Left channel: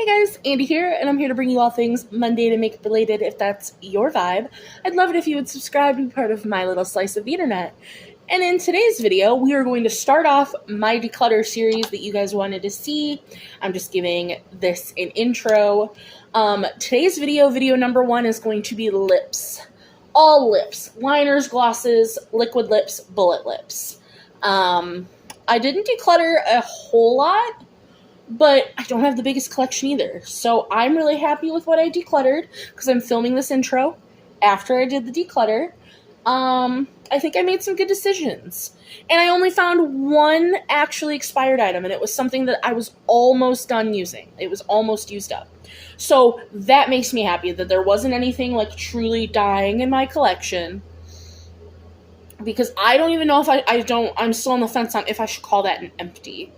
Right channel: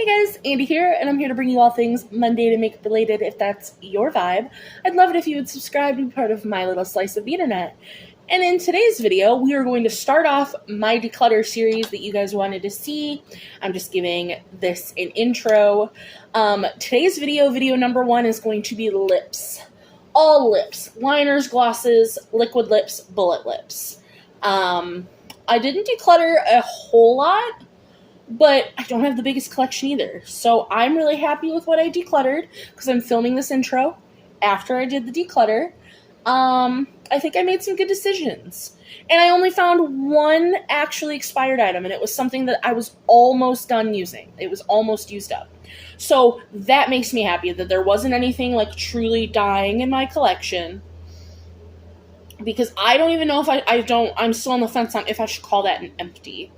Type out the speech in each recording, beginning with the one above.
Hey guys, Andy here, and I'm here to bring you all things Monday to Makeup related if that's your vibe. I'd love it if you would subscribe and be part of my little slice of the internet. And in today's video, we are going to start off my declutter series that you guys wanted to see. I'm just giving this an intro. Today's video number 1, is going to be lips. All lips. Liners, glosses, liquid lips, bullet lips. I didn't declutter a whole lot, but I don't have the biggest collection either. So I'm really happy with what I decluttered because I'm filming this intro after I did the declutter. I think I made some good decisions. And I only found one actually expired item, and it was something that I was almost done using. It was almost used up. So that makes me happy that there wasn't anything like truly dying in my collection. Because I don't even know if I'm still on the fence on if I should call that an empty,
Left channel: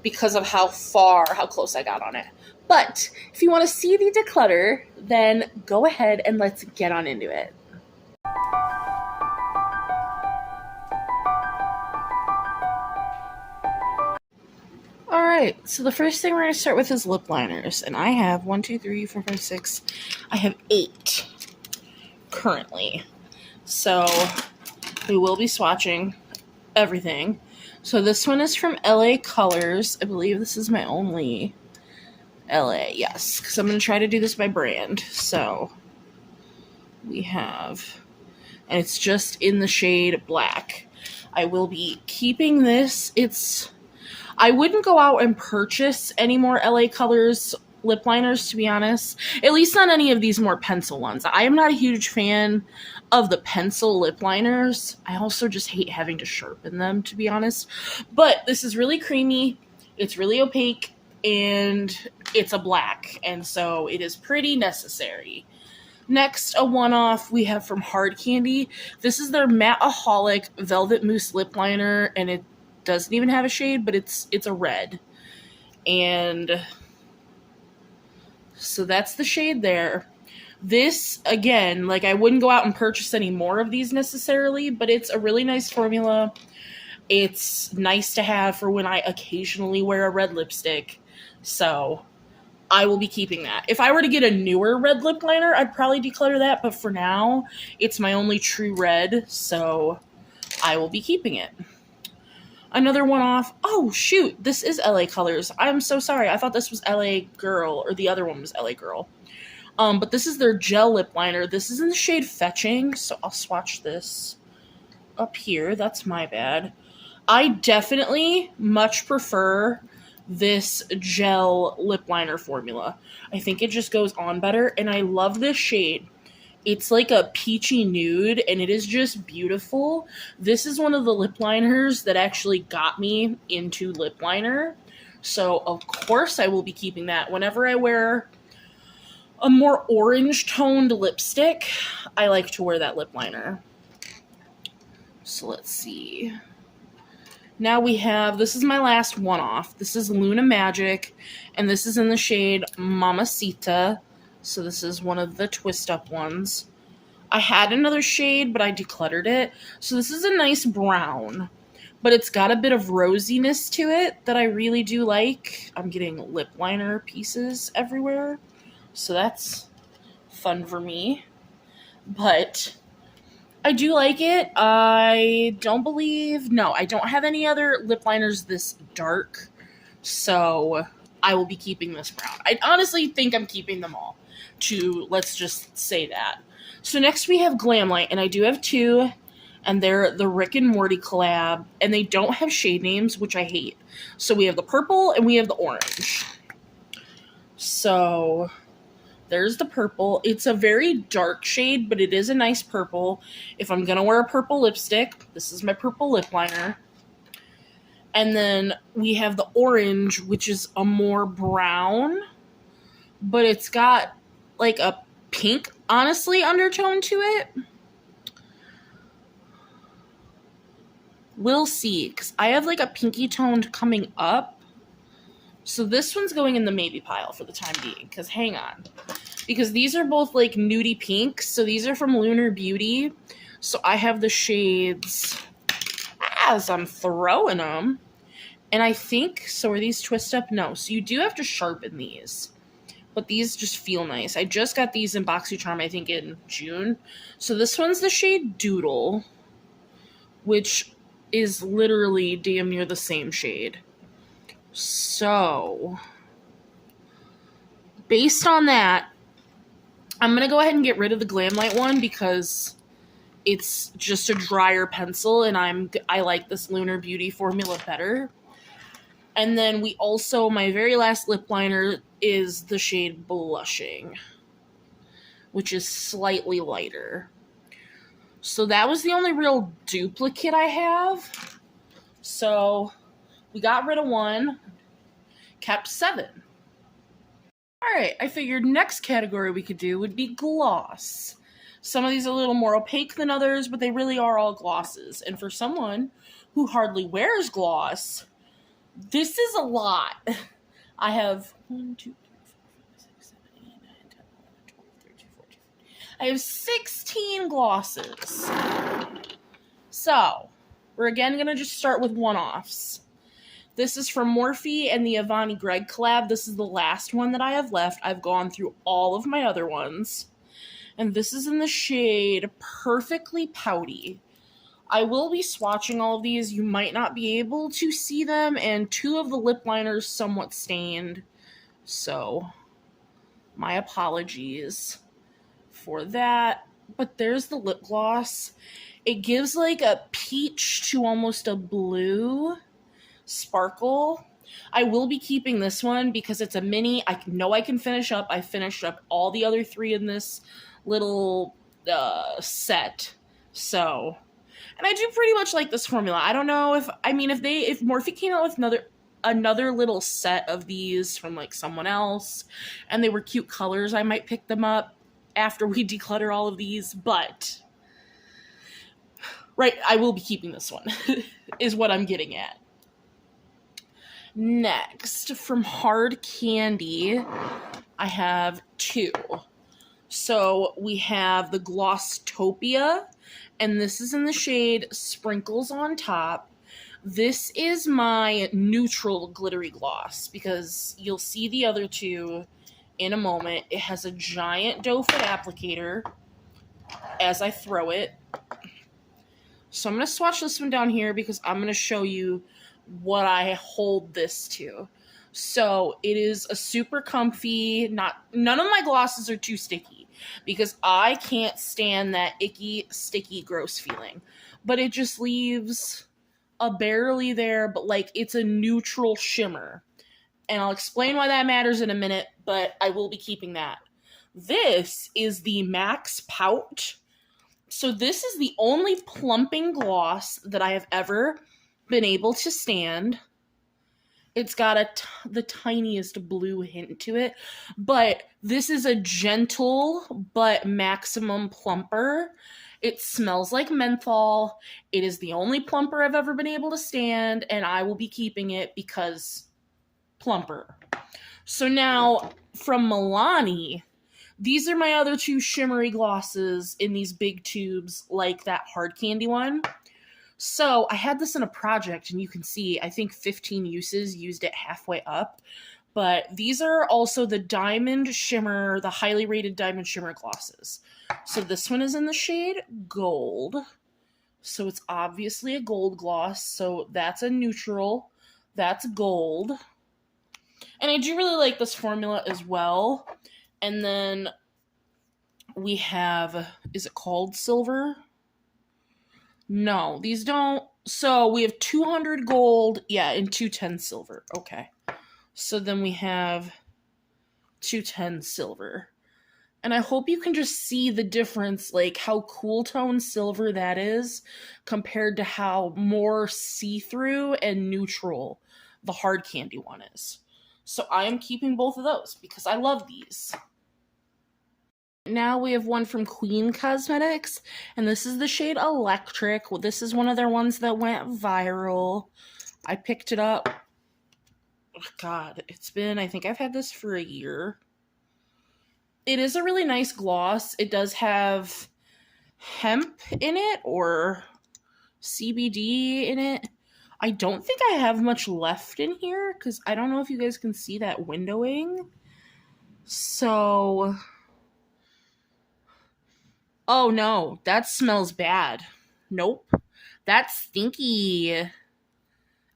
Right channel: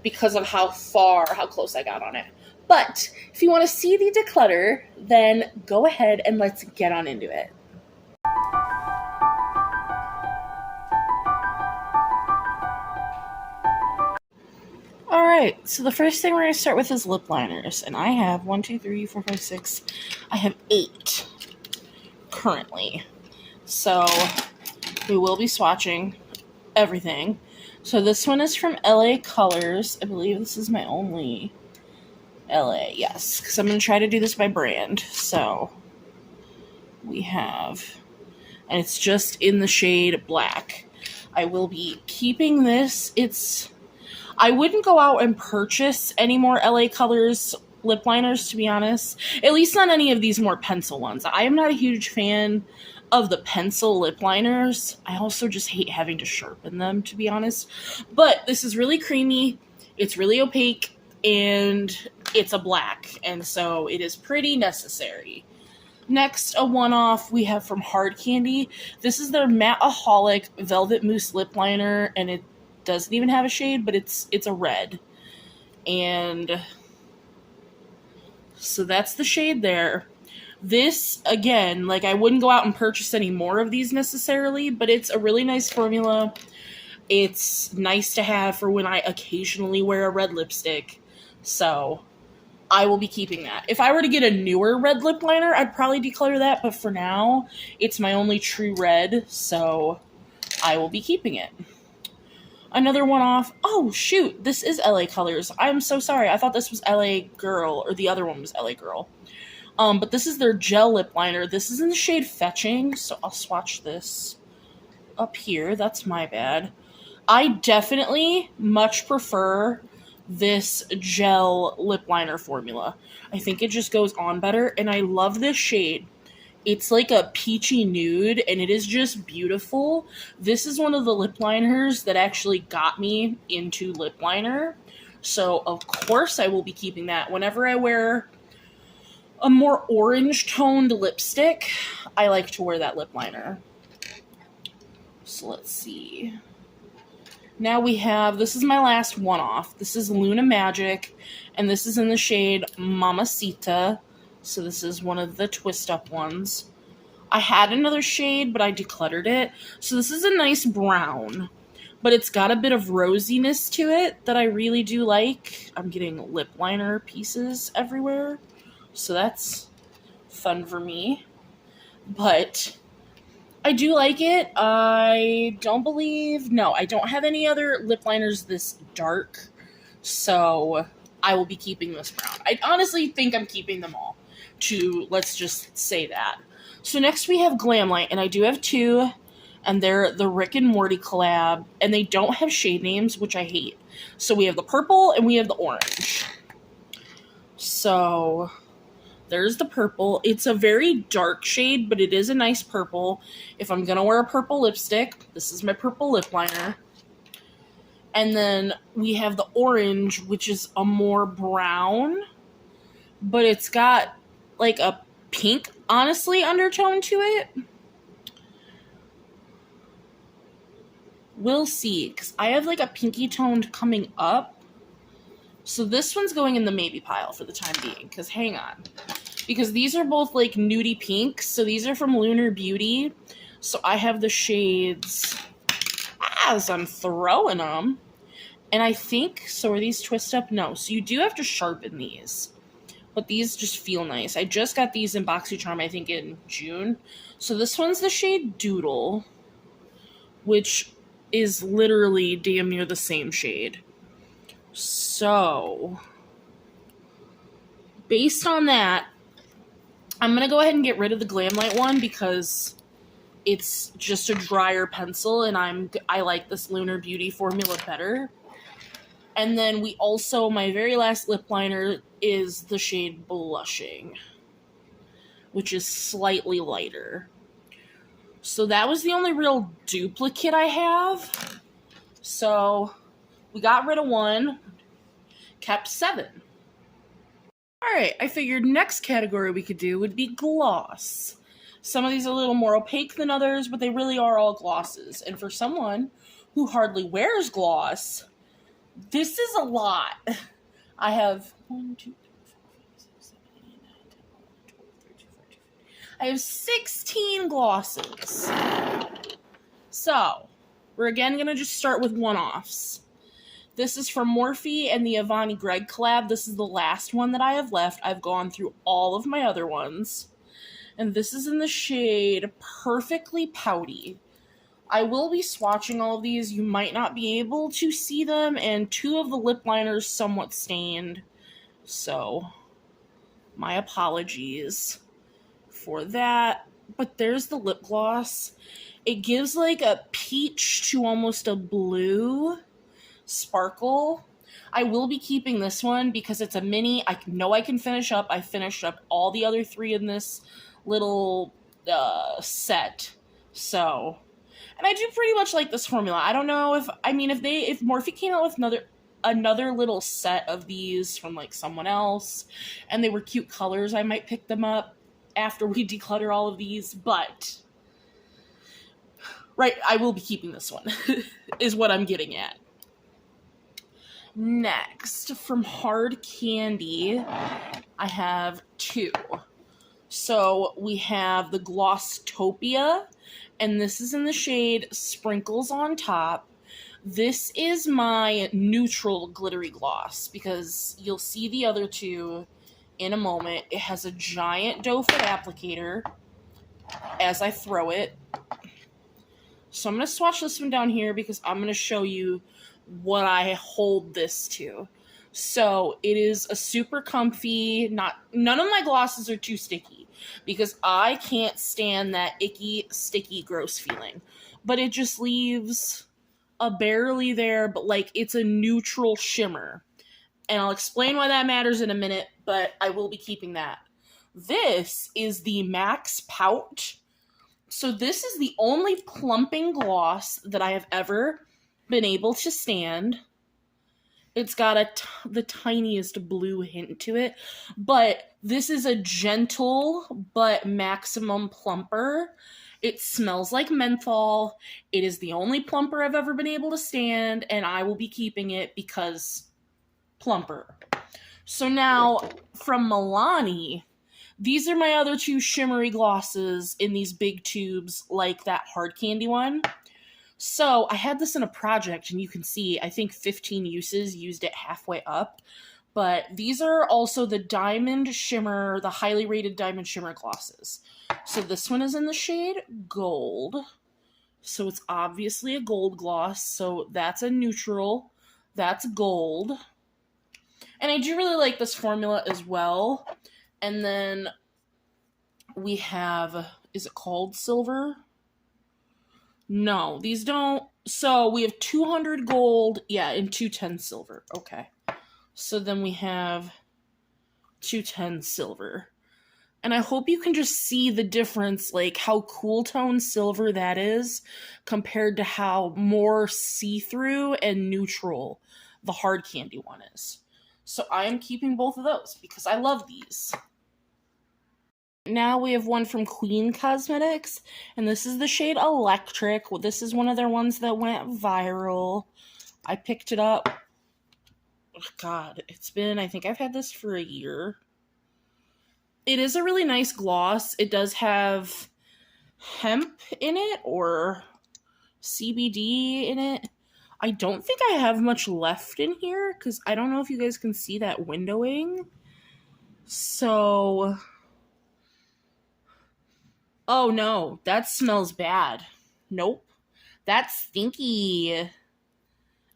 because of how close I got on it. But if you want to see the declutter, then go ahead and let's get on into it. Alright, so the first thing we're going to start with is lip liners. And I have 1, 2, 3, 4, 5, 6. I have 8 currently. So we will be swatching everything. So this one is from LA Colors. I believe this is my only LA, yes, because I'm going to try to do this by brand. So we have, and it's just in the shade black. I will be keeping this. I wouldn't go out and purchase any more LA Colors lip liners, to be honest. At least not any of these more pencil ones. I am not a huge fan of the pencil lip liners. I also just hate having to sharpen them, to be honest. But this is really creamy. It's really opaque, and it's a black, and so it is pretty necessary. Next, a one-off we have from Hard Candy. This is their Matte-aholic Velvet Mousse lip liner, and it doesn't even have a shade, but it's a red. And so that's the shade there. This, again, like, I wouldn't go out and purchase any more of these necessarily, but it's a really nice formula. It's nice to have for when I occasionally wear a red lipstick. So I will be keeping that. If I were to get a newer red lip liner, I'd probably declutter that, but for now, it's my only true red, so I will be keeping it. Another one off. Oh, shoot. This is LA Colors. I'm so sorry. I thought this was LA Girl, or the other one was LA Girl. But this is their gel lip liner. This is in the shade Fetching, so I'll swatch this up here. That's my bad. I definitely much prefer this gel lip liner formula. I think it just goes on better, and I love this shade. It's like a peachy nude, and it is just beautiful. This is one of the lip liners that actually got me into lip liner. So, of course, I will be keeping that. Whenever I wear a more orange-toned lipstick, I like to wear that lip liner. So, let's see. Now we have, this is my last one-off. This is Luna Magic, and this is in the shade Mamacita. So this is one of the twist-up ones. I had another shade, but I decluttered it. So this is a nice brown, but it's got a bit of rosiness to it that I really do like. I'm getting lip liner pieces everywhere, so that's fun for me. But I do like it. I don't have any other lip liners this dark, so I will be keeping this brown. I honestly think I'm keeping them all. Let's just say that. So next we have Glamlight, and I do have 2, and they're the Rick and Morty collab, and they don't have shade names, which I hate. So we have the purple and we have the orange. So there's the purple. It's a very dark shade, but it is a nice purple. If I'm gonna wear a purple lipstick, this is my purple lip liner. And then we have the orange, which is a more brown, but it's got like a pink, honestly, undertone to it. We'll see, because I have like a pinky toned coming up. So this one's going in the maybe pile for the time being, because hang on. Because these are both like nudie pink, so these are from Lunar Beauty. So I have the shades as I'm throwing them. And I think, so are these twist up? No. So you do have to sharpen these. but these just feel nice. I just got these in BoxyCharm, I think in June. So this one's the shade Doodle, which is literally damn near the same shade. So, based on that, I'm going to go ahead and get rid of the Glamlight one because it's just a drier pencil, and I like this Lunar Beauty formula better. And then we also, my very last lip liner is the shade Blushing, which is slightly lighter. So that was the only real duplicate I have. So we got rid of one, kept 7. Alright, I figured next category we could do would be gloss. Some of these are a little more opaque than others, but they really are all glosses. And for someone who hardly wears gloss, this is a lot. I have 1, 2, 3, 4, 5, 6, 7, 8, 9, 10, 11, 12, 13, 14, 15. I have 16 glosses. So, we're again going to just start with one-offs. This is from Morphe and the Avani Greg collab. This is the last one that I have left. I've gone through all of my other ones. And this is in the shade Perfectly Pouty. I will be swatching all of these. You might not be able to see them, and 2 of the lip liners somewhat stained. So, my apologies for that. But there's the lip gloss. It gives like a peach to almost a blue sparkle. I will be keeping this one because it's a mini. I know I can finish up. I finished up all the other 3 in this little set. So, and I do pretty much like this formula. I don't know if Morphe came out with another little set of these from like someone else and they were cute colors, I might pick them up after we declutter all of these, but right, I will be keeping this one is what I'm getting at. Next, from Hard Candy, I have 2. So we have the Glosstopia, and this is in the shade Sprinkles on Top. This is my neutral glittery gloss because you'll see the other 2 in a moment. It has a giant doe foot applicator as I throw it. So I'm going to swatch this one down here because I'm going to show you what I hold this to. So it is a super comfy, none of my glosses are too sticky because I can't stand that icky, sticky, gross feeling. But it just leaves a barely there, but like it's a neutral shimmer. And I'll explain why that matters in a minute, but I will be keeping that. This is the Max Pout. So this is the only plumping gloss that I have ever been able to stand. It's got the tiniest blue hint to it, but this is a gentle but maximum plumper. It smells like menthol. It is the only plumper I've ever been able to stand, and I will be keeping it because plumper. So now, from Milani, these are my other 2 shimmery glosses in these big tubes like that Hard Candy one. So I had this in a project, and you can see, I think 15 uses, used it halfway up. But these are also the Diamond Shimmer, the highly rated Diamond Shimmer glosses. So this one is in the shade Gold. So it's obviously a gold gloss. So that's a neutral. That's gold. And I do really like this formula as well. And then we have, is it called Silver? No, these don't. So we have 200 gold, yeah, and 210 silver. Okay. So then we have 210 silver. And I hope you can just see the difference, like how cool tone silver that is compared to how more see-through and neutral the Hard Candy one is. So I am keeping both of those because I love these. Now we have one from Queen Cosmetics, and this is the shade Electric. This is one of their ones that went viral. I picked it up. Oh God, I think I've had this for a year. It is a really nice gloss. It does have hemp in it, or CBD in it. I don't think I have much left in here, because I don't know if you guys can see that windowing. So, oh no, that smells bad. Nope. That's stinky.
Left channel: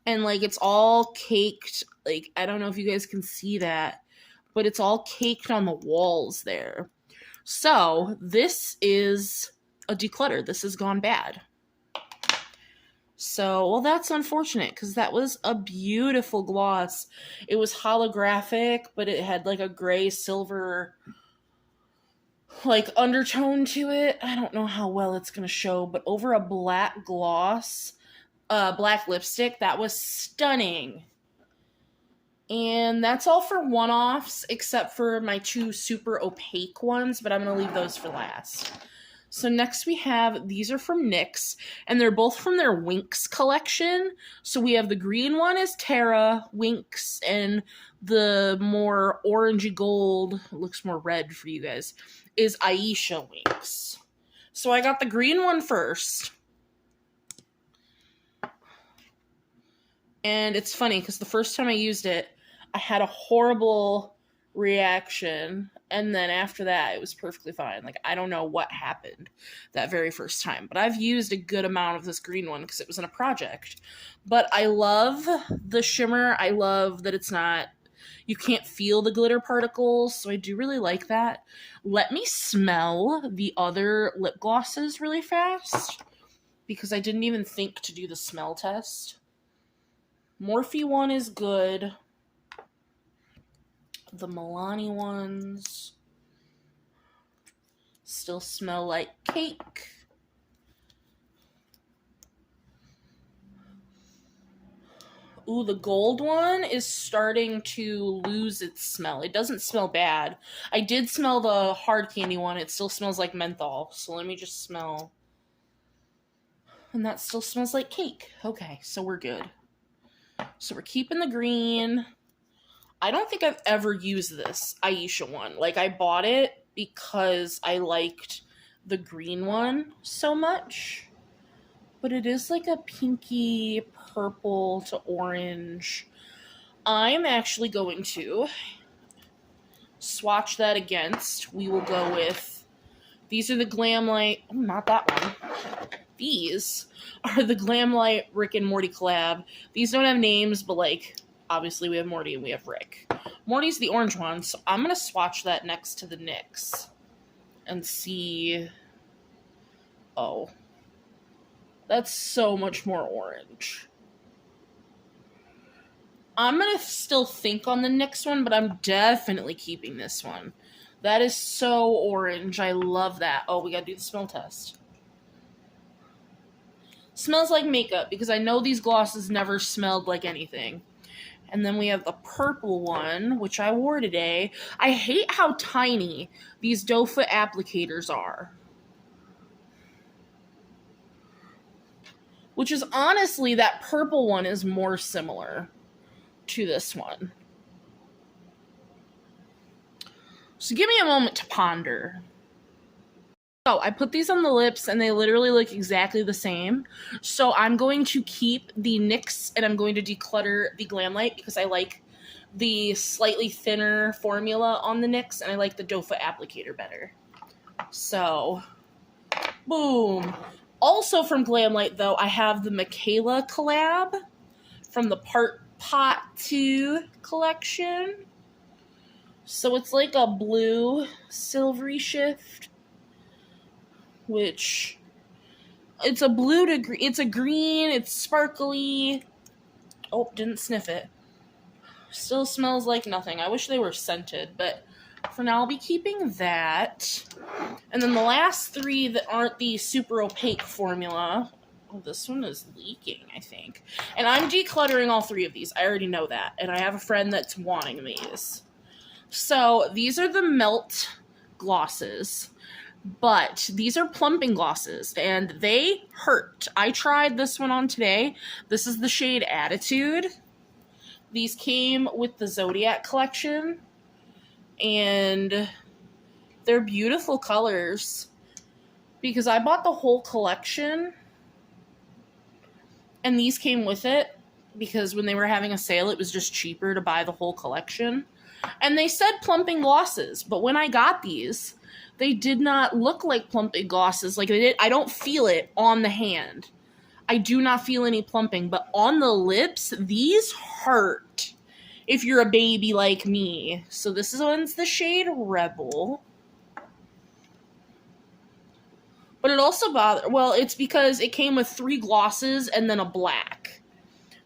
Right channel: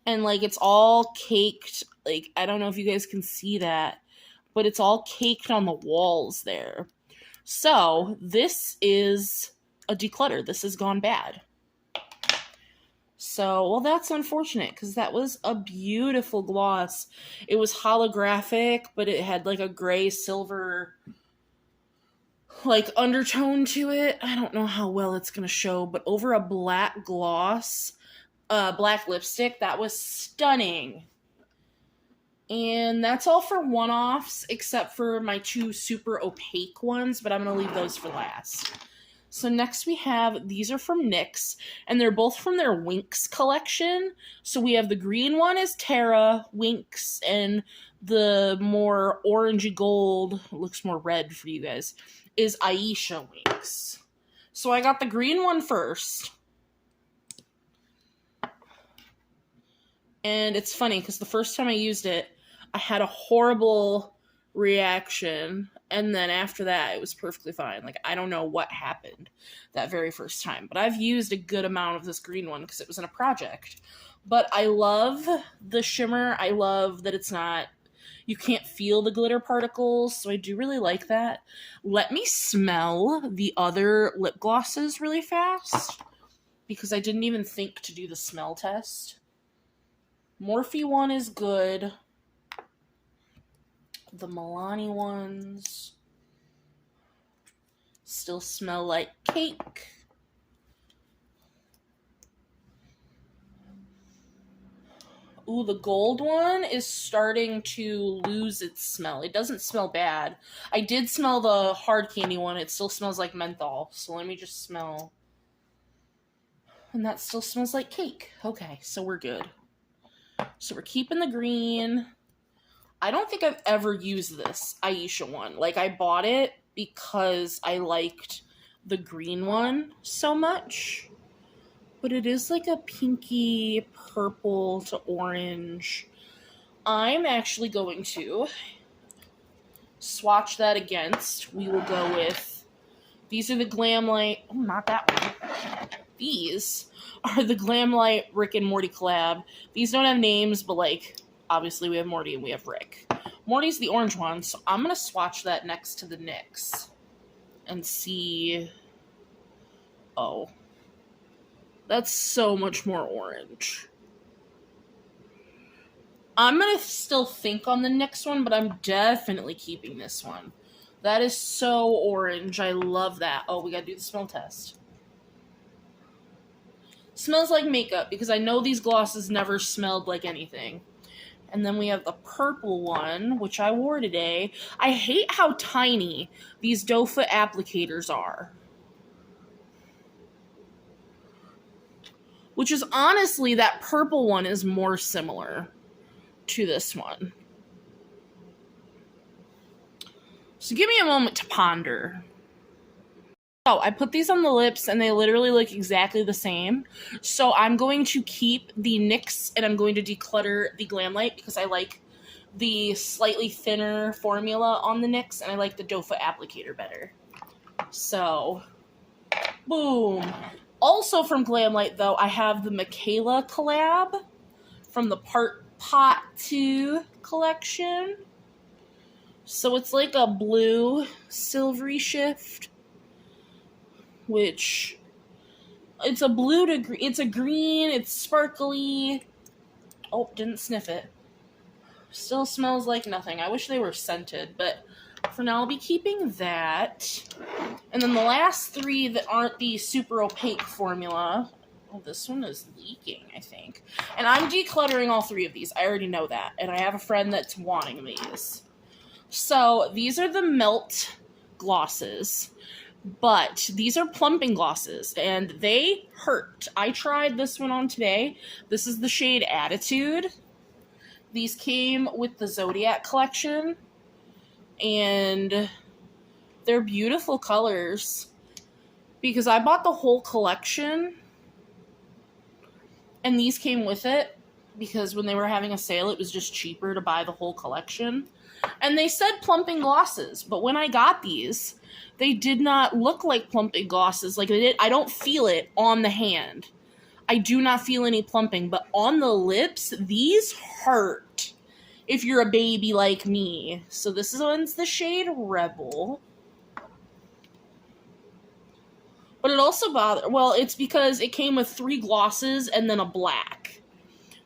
And like it's all caked. Like, I don't know if you guys can see that, but it's all caked on the walls there. So, this is a declutter. This has gone bad. So, well, that's unfortunate because that was a beautiful gloss. It was holographic, but it had like a gray silver like undertone to it. I don't know how well it's going to show, but over a black gloss, black lipstick, that was stunning. And that's all for one-offs, except for my two super opaque ones, but I'm going to leave those for last. So next we have, these are from NYX, and they're both from their Winx collection. So we have the green one is Tara Winx, and the more orangey gold, looks more red for you guys, is Aisha Winx. So I got the green one first. And it's funny, because the first time I used it, I had a horrible reaction, and then after that, it was perfectly fine. Like, I don't know what happened that very first time, but I've used a good amount of this green one because it was in a project. But I love the shimmer. I love that it's not, you can't feel the glitter particles, so I do really like that. Let me smell the other lip glosses really fast, because I didn't even think to do the smell test. Morphe one is good. The Milani ones still smell like cake. Ooh, the gold one is starting to lose its smell. It doesn't smell bad. I did smell the hard candy one. It still smells like menthol. So let me just smell. And that still smells like cake. Okay, so we're good. So we're keeping the green. I don't think I've ever used this Aisha one. Like, I bought it because I liked the green one so much. But it is like a pinky purple to orange. I'm actually going to swatch that against. We will go with, these are the Glamlight, oh, not that one. These are the Glamlight Rick and Morty collab. These don't have names, but like, obviously we have Morty and we have Rick. Morty's the orange one, so I'm going to swatch that next to the NYX and see. Oh. That's so much more orange. I'm going to still think on the NYX one, but I'm definitely keeping this one. That is so orange. I love that. Oh, we got to do the smell test. Smells like makeup, because I know these glosses never smelled like anything. And then we have the purple one, which I wore today. I hate how tiny these doe foot applicators are. Which is honestly, that purple one is more similar to this one. So give me a moment to ponder. So I put these on the lips and they literally look exactly the same. So I'm going to keep the NYX and I'm going to declutter the Glamlight because I like the slightly thinner formula on the NYX and I like the doe foot applicator better. So, boom. Also from Glamlight though, I have the Michaela collab from the Pot 2 collection. So it's like a blue silvery shift. Which, it's a blue to green, it's a green, it's sparkly. Oh, didn't sniff it. Still smells like nothing. I wish they were scented, but for now I'll be keeping that. And then the last three that aren't the super opaque formula. Oh, this one is leaking, I think. And I'm decluttering all three of these. I already know that. And I have a friend that's wanting these. So, these are the Melt glosses. But these are plumping glosses, and they hurt. I tried this one on today. This is the shade Attitude. These came with the Zodiac collection, and they're beautiful colors. Because I bought the whole collection, and these came with it, because when they were having a sale, it was just cheaper to buy the whole collection. And they said plumping glosses, but when I got these, they did not look like plumping glosses. Like they did. I don't feel it on the hand. I do not feel any plumping, but on the lips, these hurt if you're a baby like me. So this one's the shade Rebel. But it also bothered, well, it's because it came with 3 glosses and then a black.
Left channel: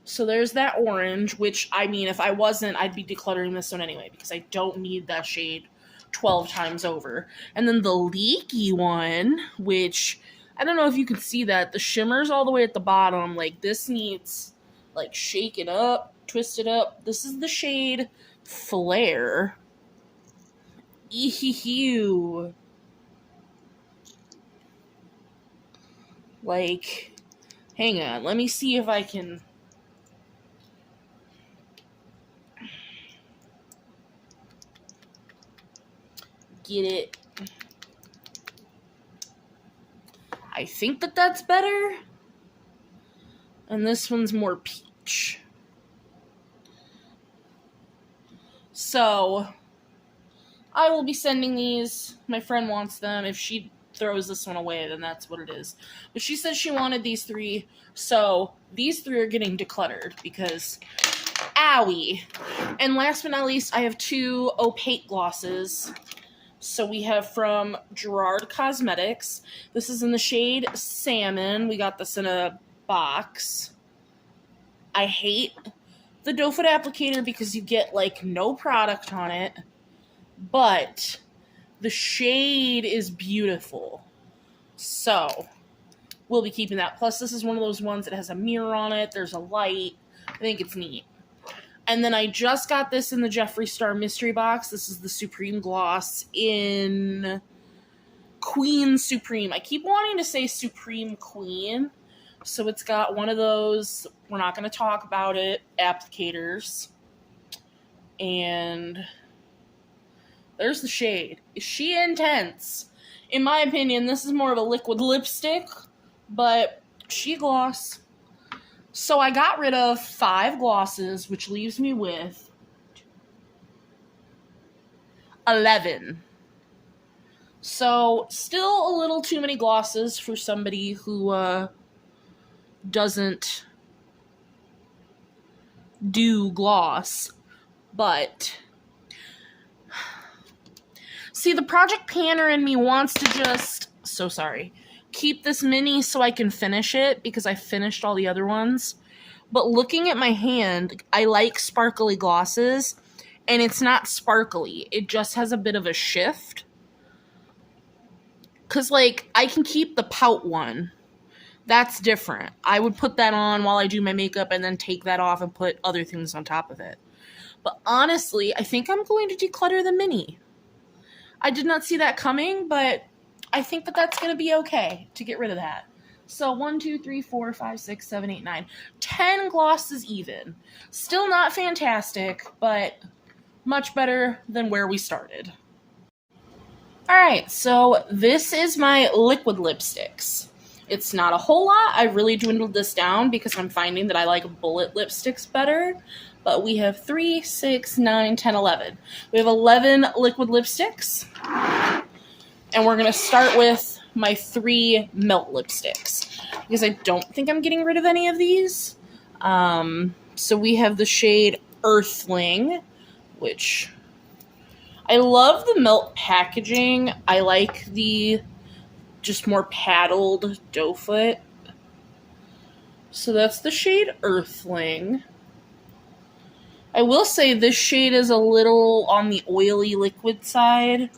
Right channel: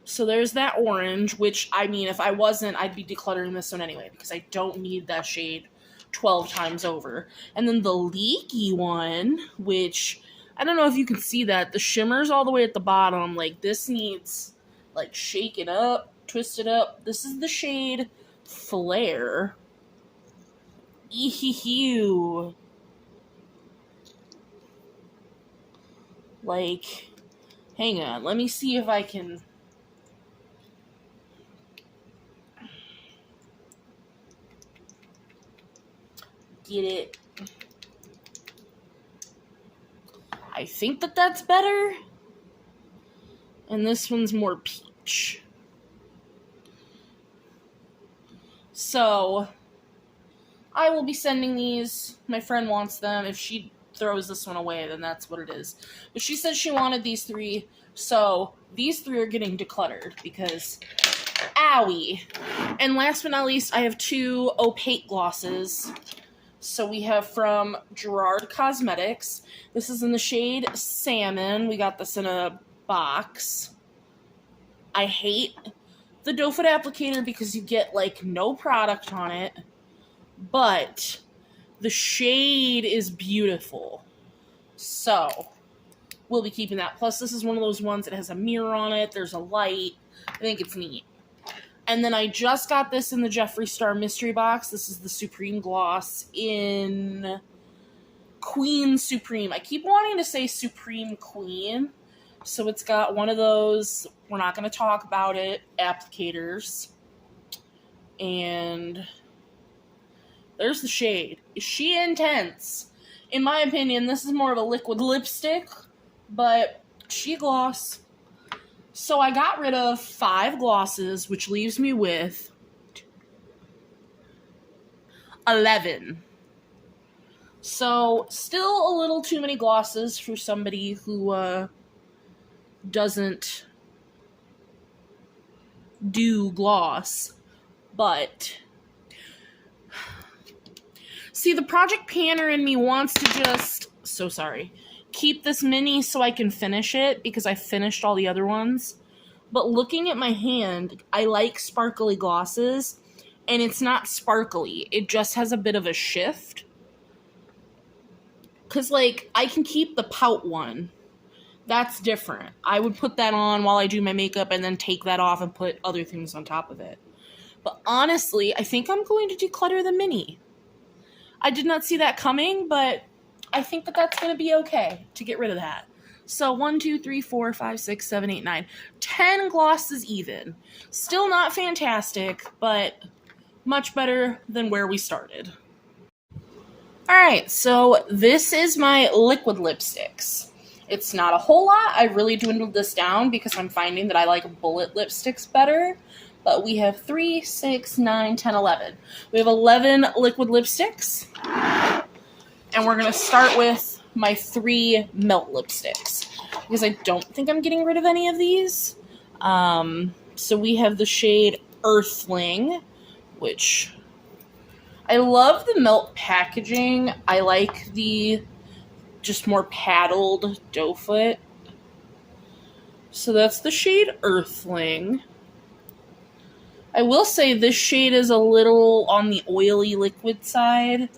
So there's that orange, which, I mean, if I wasn't, I'd be decluttering this one anyway, because I don't need that shade 12 times over. And then the leaky one, which, I don't know if you can see that, the shimmer's all the way at the bottom. Like, this needs, like, shake it up, twist it up. This is the shade Flare. Ew. Like, hang on, let me see if I can get it. I think that that's better. And this one's more peach. So, I will be sending these. My friend wants them. If she throws this one away, then that's what it is. But she said she wanted these 3, so these 3 are getting decluttered because, owie. And last but not least, I have 2 opaque glosses. So we have from Gerard Cosmetics. This is in the shade Salmon. We got this in a box. I hate the doe foot applicator because you get, like, no product on it, but the shade is beautiful. So, we'll be keeping that. Plus, this is one of those ones that has a mirror on it. There's a light. I think it's neat. And then I just got this in the Jeffree Star mystery box. This is the Supreme Gloss in Queen Supreme. I keep wanting to say Supreme Queen. So it's got one of those, we're not going to talk about it, applicators. And there's the shade. Is she intense? In my opinion, this is more of a liquid lipstick, but she gloss. So I got rid of 5 glosses, which leaves me with 11. So still a little too many glosses for somebody who doesn't do gloss, but see, the project panner in me wants to just, so sorry, keep this mini so I can finish it because I finished all the other ones. But looking at my hand, I like sparkly glosses, and it's not sparkly. It just has a bit of a shift. Because, like, I can keep the pout one. That's different. I would put that on while I do my makeup and then take that off and put other things on top of it. But honestly, I think I'm going to declutter the mini. I did not see that coming, but I think that that's going to be okay to get rid of that. So 1, 2, 3, 4, 5, 6, 7, 8, 9. 10 glosses even. Still not fantastic, but much better than where we started. Alright, so this is my liquid lipsticks. It's not a whole lot. I really dwindled this down because I'm finding that I like bullet lipsticks better. But we have 3, 6, 9, 10, 11. We have 11 liquid lipsticks. And we're going to start with my 3 melt lipsticks. Because I don't think I'm getting rid of any of these. So we have the shade Earthling, which I love the melt packaging. I like the just more paddled doe foot. So that's the shade Earthling. I will say this shade is a little on the oily liquid side.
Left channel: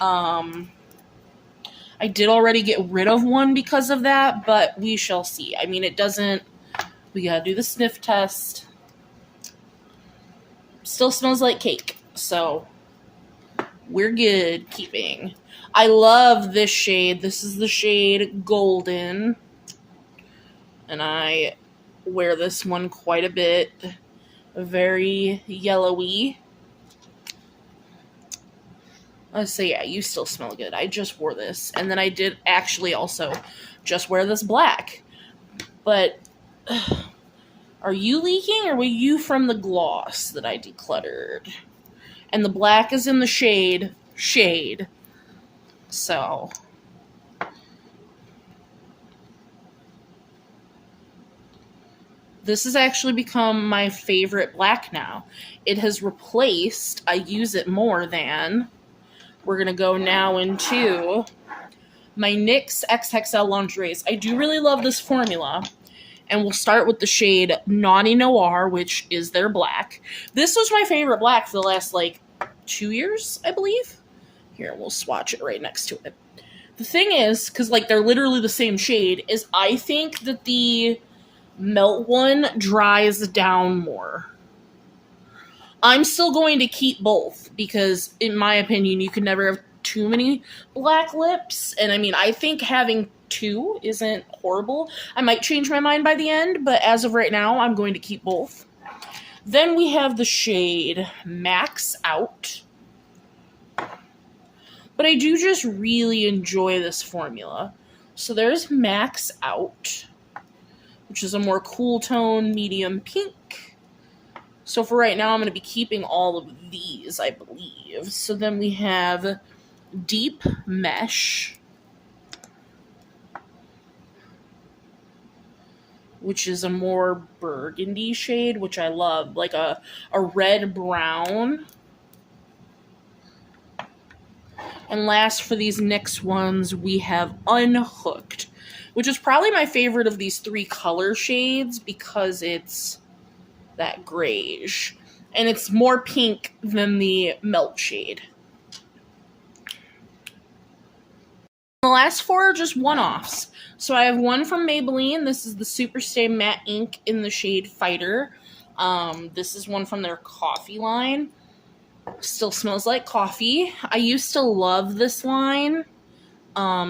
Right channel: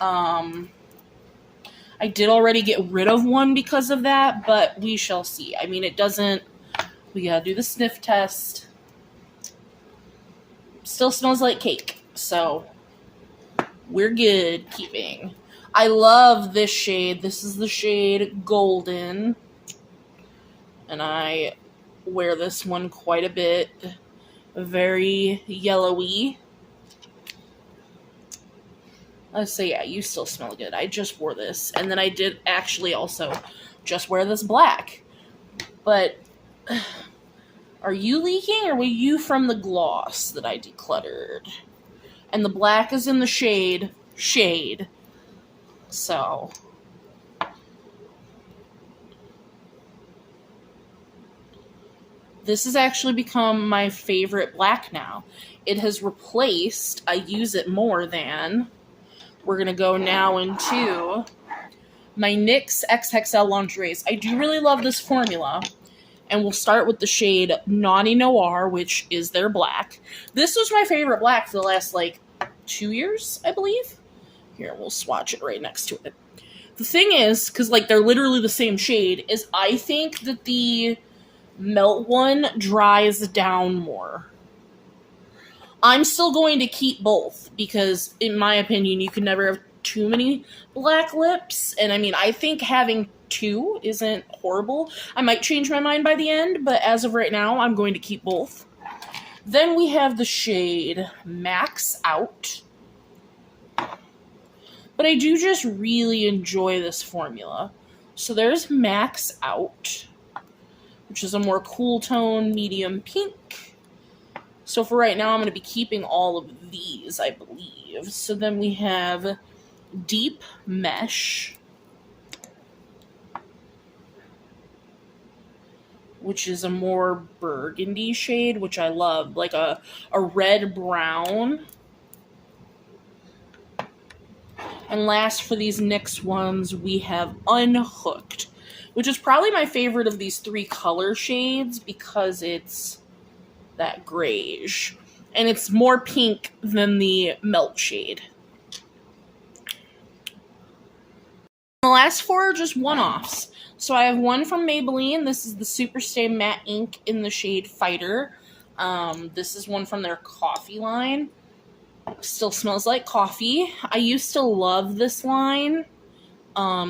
I did already get rid of one because of that, but we shall see. I mean, it doesn't, we gotta do the sniff test. Still smells like cake, so we're good keeping. I love this shade. This is the shade Golden. And I wear this one quite a bit. Very yellowy. Let's say, yeah, you still smell good. I just wore this. And then I did actually also just wear this black. But are you leaking or were you from the gloss that I decluttered? And the black is in the shade Shade. So this has actually become my favorite black now. It has replaced, I use it more than, we're going to go now into my NYX XXL lingeries. I do really love this formula. And we'll start with the shade Naughty Noir, which is their black. This was my favorite black for the last, like, 2 years, I believe. Here, we'll swatch it right next to it. The thing is, because, like, they're literally the same shade, is I think that the melt one dries down more. I'm still going to keep both, because, in my opinion, you can never have too many black lips. And, I mean, I think having 2 isn't horrible. I might change my mind by the end, but as of right now, I'm going to keep both. Then we have the shade Max Out. But I do just really enjoy this formula. So there's Max Out, which is a more cool tone, medium pink. So for right now, I'm going to be keeping all of these, I believe. So then we have Deep Mesh, which is a more burgundy shade, which I love, like a red-brown. And last for these NYX ones, we have Unhooked, which is probably my favorite of these 3 color shades because it's that grayish. And it's more pink than the melt shade. The last 4 are just one-offs. So I have one from Maybelline. This is the Superstay Matte Ink in the shade Fighter. This is one from their coffee line. Still smells like coffee. I used to love this line.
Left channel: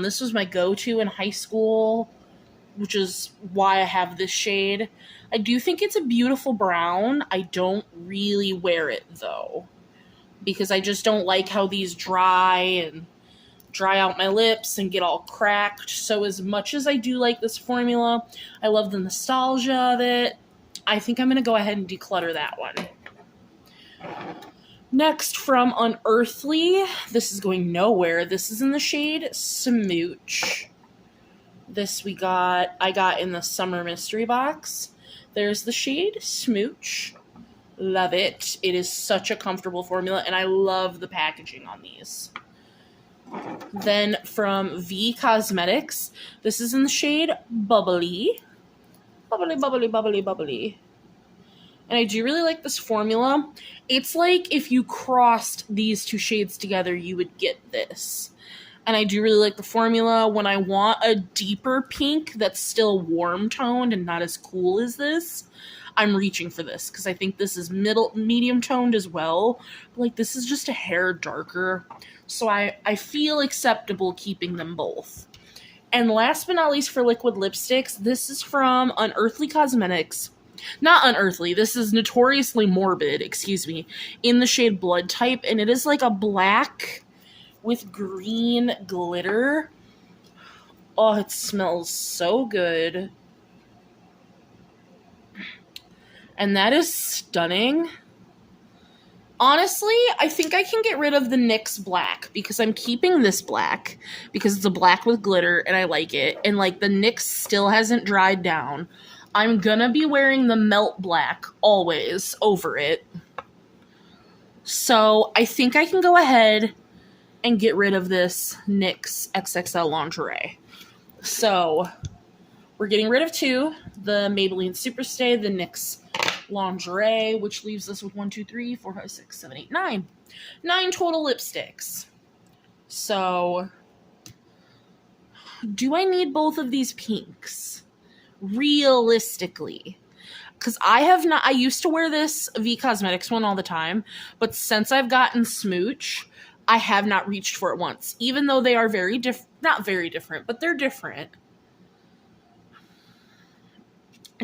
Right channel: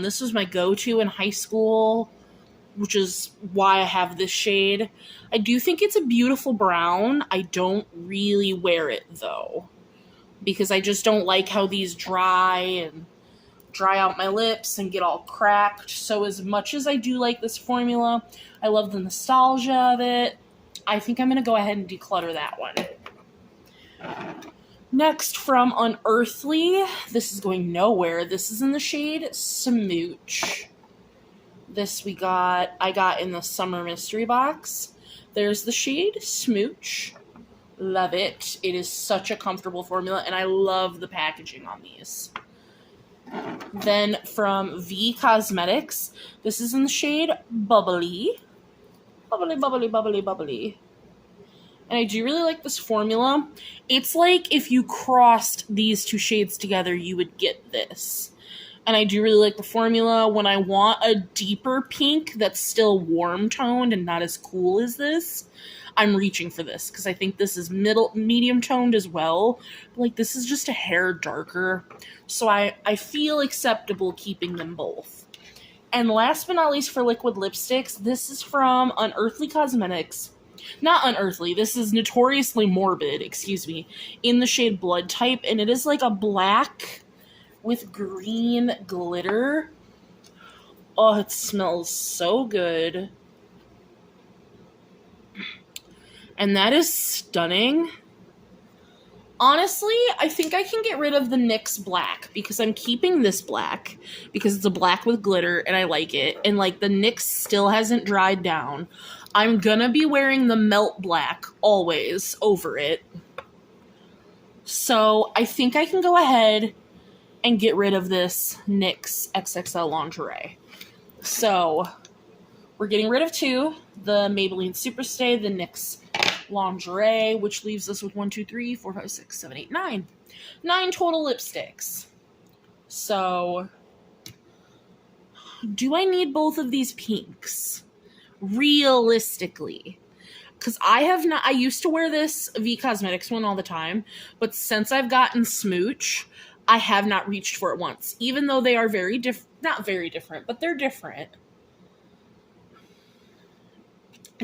This was my go-to in high school, which is why I have this shade. I do think it's a beautiful brown. I don't really wear it, though, because I just don't like how these dry out my lips and get all cracked. So as much as I do like this formula, I love the nostalgia of it, I think I'm going to go ahead and declutter that one. Next, from Unearthly, this is going nowhere. This is in the shade Smooch. This I got in the Summer Mystery Box. There's the shade Smooch. Love it. It is such a comfortable formula, and I love the packaging on these. Then from V Cosmetics, this is in the shade Bubbly. Bubbly, bubbly, bubbly, bubbly. And I do really like this formula. It's like if you crossed these 2 shades together, you would get this. And I do really like the formula. When I want a deeper pink that's still warm toned and not as cool as this, I'm reaching for this because I think this is medium toned as well. But like, this is just a hair darker. So I feel acceptable keeping them both. And last but not least for liquid lipsticks, this is from Unearthly Cosmetics. Not Unearthly, this is Notoriously Morbid, excuse me, in the shade Blood Type, and it is like a black with green glitter. Oh, it smells so good. And that is stunning. Honestly, I think I can get rid of the NYX black because I'm keeping this black because it's a black with glitter and I like it. And like the NYX still hasn't dried down. I'm gonna be wearing the Melt Black always over it. So I think I can go ahead and get rid of this NYX XXL lingerie. So we're getting rid of 2, the Maybelline Superstay, the NYX lingerie, which leaves us with 1, 2, 3, 4, 5, 6, 7, 8, 9. 9 total lipsticks. So do I need both of these pinks? Realistically, because I used to wear this V Cosmetics one all the time, but since I've gotten Smooch, I have not reached for it once, even though they are very not very different, but they're different.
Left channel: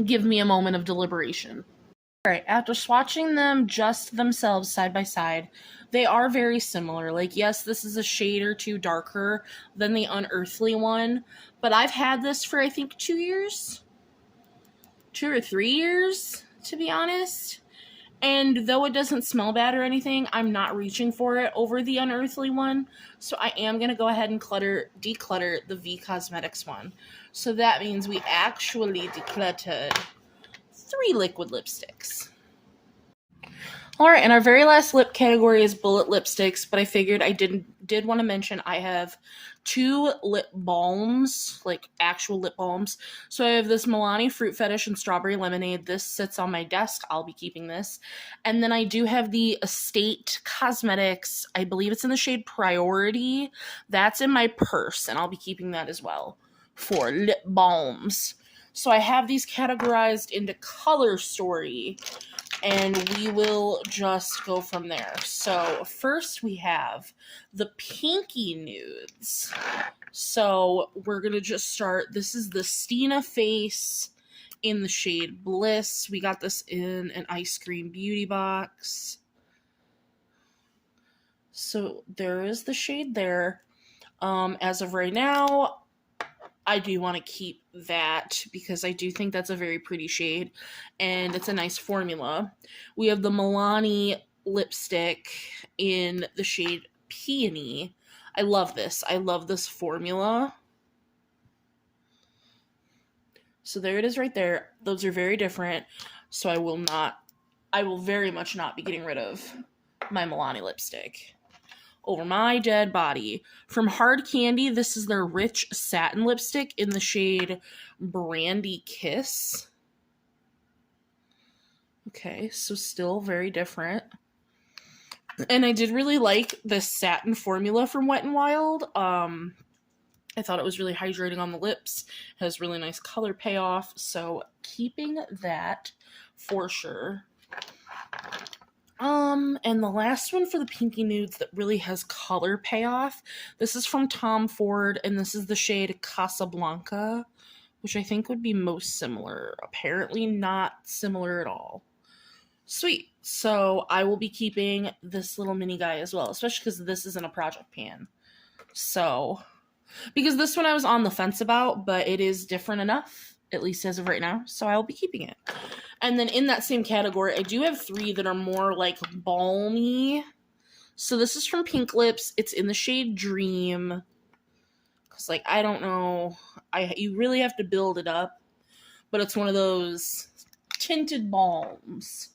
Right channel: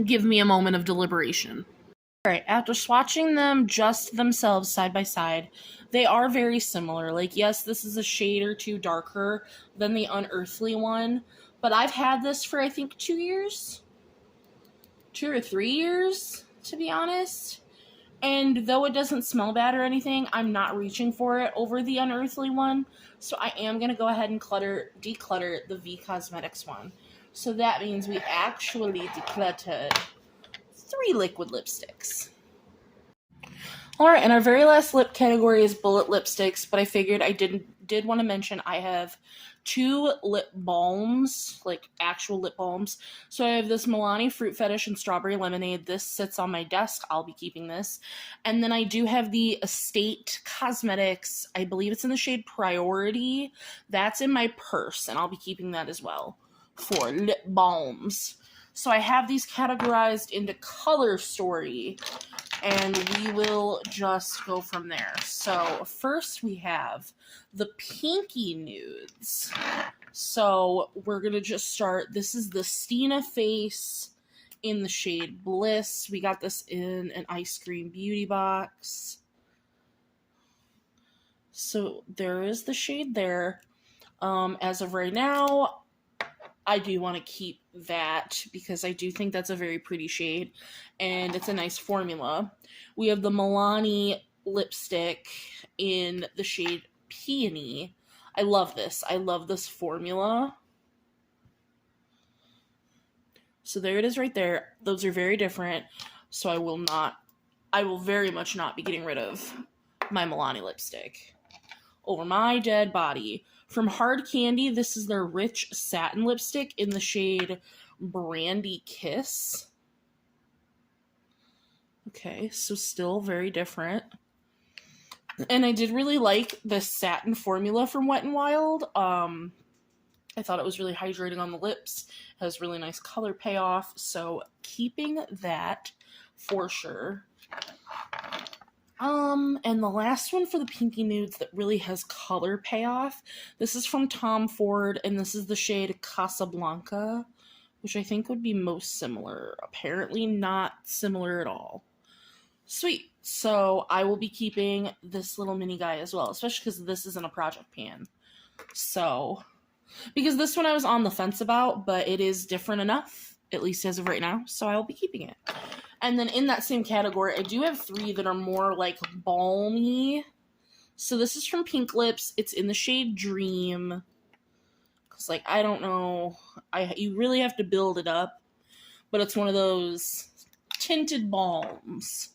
Give me a moment of deliberation. All right, after swatching them just themselves side by side, they are very similar. Like, yes, this is a shade or 2 darker than the Unearthly one, but I've had this for, I think, 2 years. 2 or 3 years, to be honest. And though it doesn't smell bad or anything, I'm not reaching for it over the Unearthly one. So I am going to go ahead and declutter the V Cosmetics one. So that means we actually decluttered 3 liquid lipsticks. Alright, and our very last lip category is bullet lipsticks, but I figured I did want to mention I have 2 lip balms, like actual lip balms. So I have this Milani Fruit Fetish and Strawberry Lemonade. This sits on my desk. I'll be keeping this. And then I do have the Estate Cosmetics. I believe it's in the shade Priority. That's in my purse, and I'll be keeping that as well for lip balms. So I have these categorized into color story, and we will just go from there. So first we have the pinky nudes. So we're going to just start. This is the Stina Face in the shade Bliss. We got this in an ice cream beauty box. So there is the shade there. As of right now, I do want to keep that because I do think that's a very pretty shade and it's a nice formula. We have the Milani lipstick in the shade Peony. I love this. I love this formula. So there it is right there. Those are very different. So I will very much not be getting rid of my Milani lipstick. Over my dead body. From Hard Candy, this is their Rich Satin Lipstick in the shade Brandy Kiss. Okay, so still very different. And I did really like this satin formula from Wet n Wild. I thought it was really hydrating on the lips. It has really nice color payoff, so keeping that for sure. And the last one for the pinky nudes that really has color payoff, this is from Tom Ford, and this is the shade Casablanca, which I think would be most similar. Apparently not similar at all. Sweet. So I will be keeping this little mini guy as well, especially because this isn't a project pan. So, because this one I was on the fence about, but it is different enough, at least as of right now, so I'll be keeping it. And then in that same category, I do have 3 that are more like balmy. So this is from Pink Lips. It's in the shade Dream. Because, like, I don't know. You really have to build it up. But it's one of those tinted balms.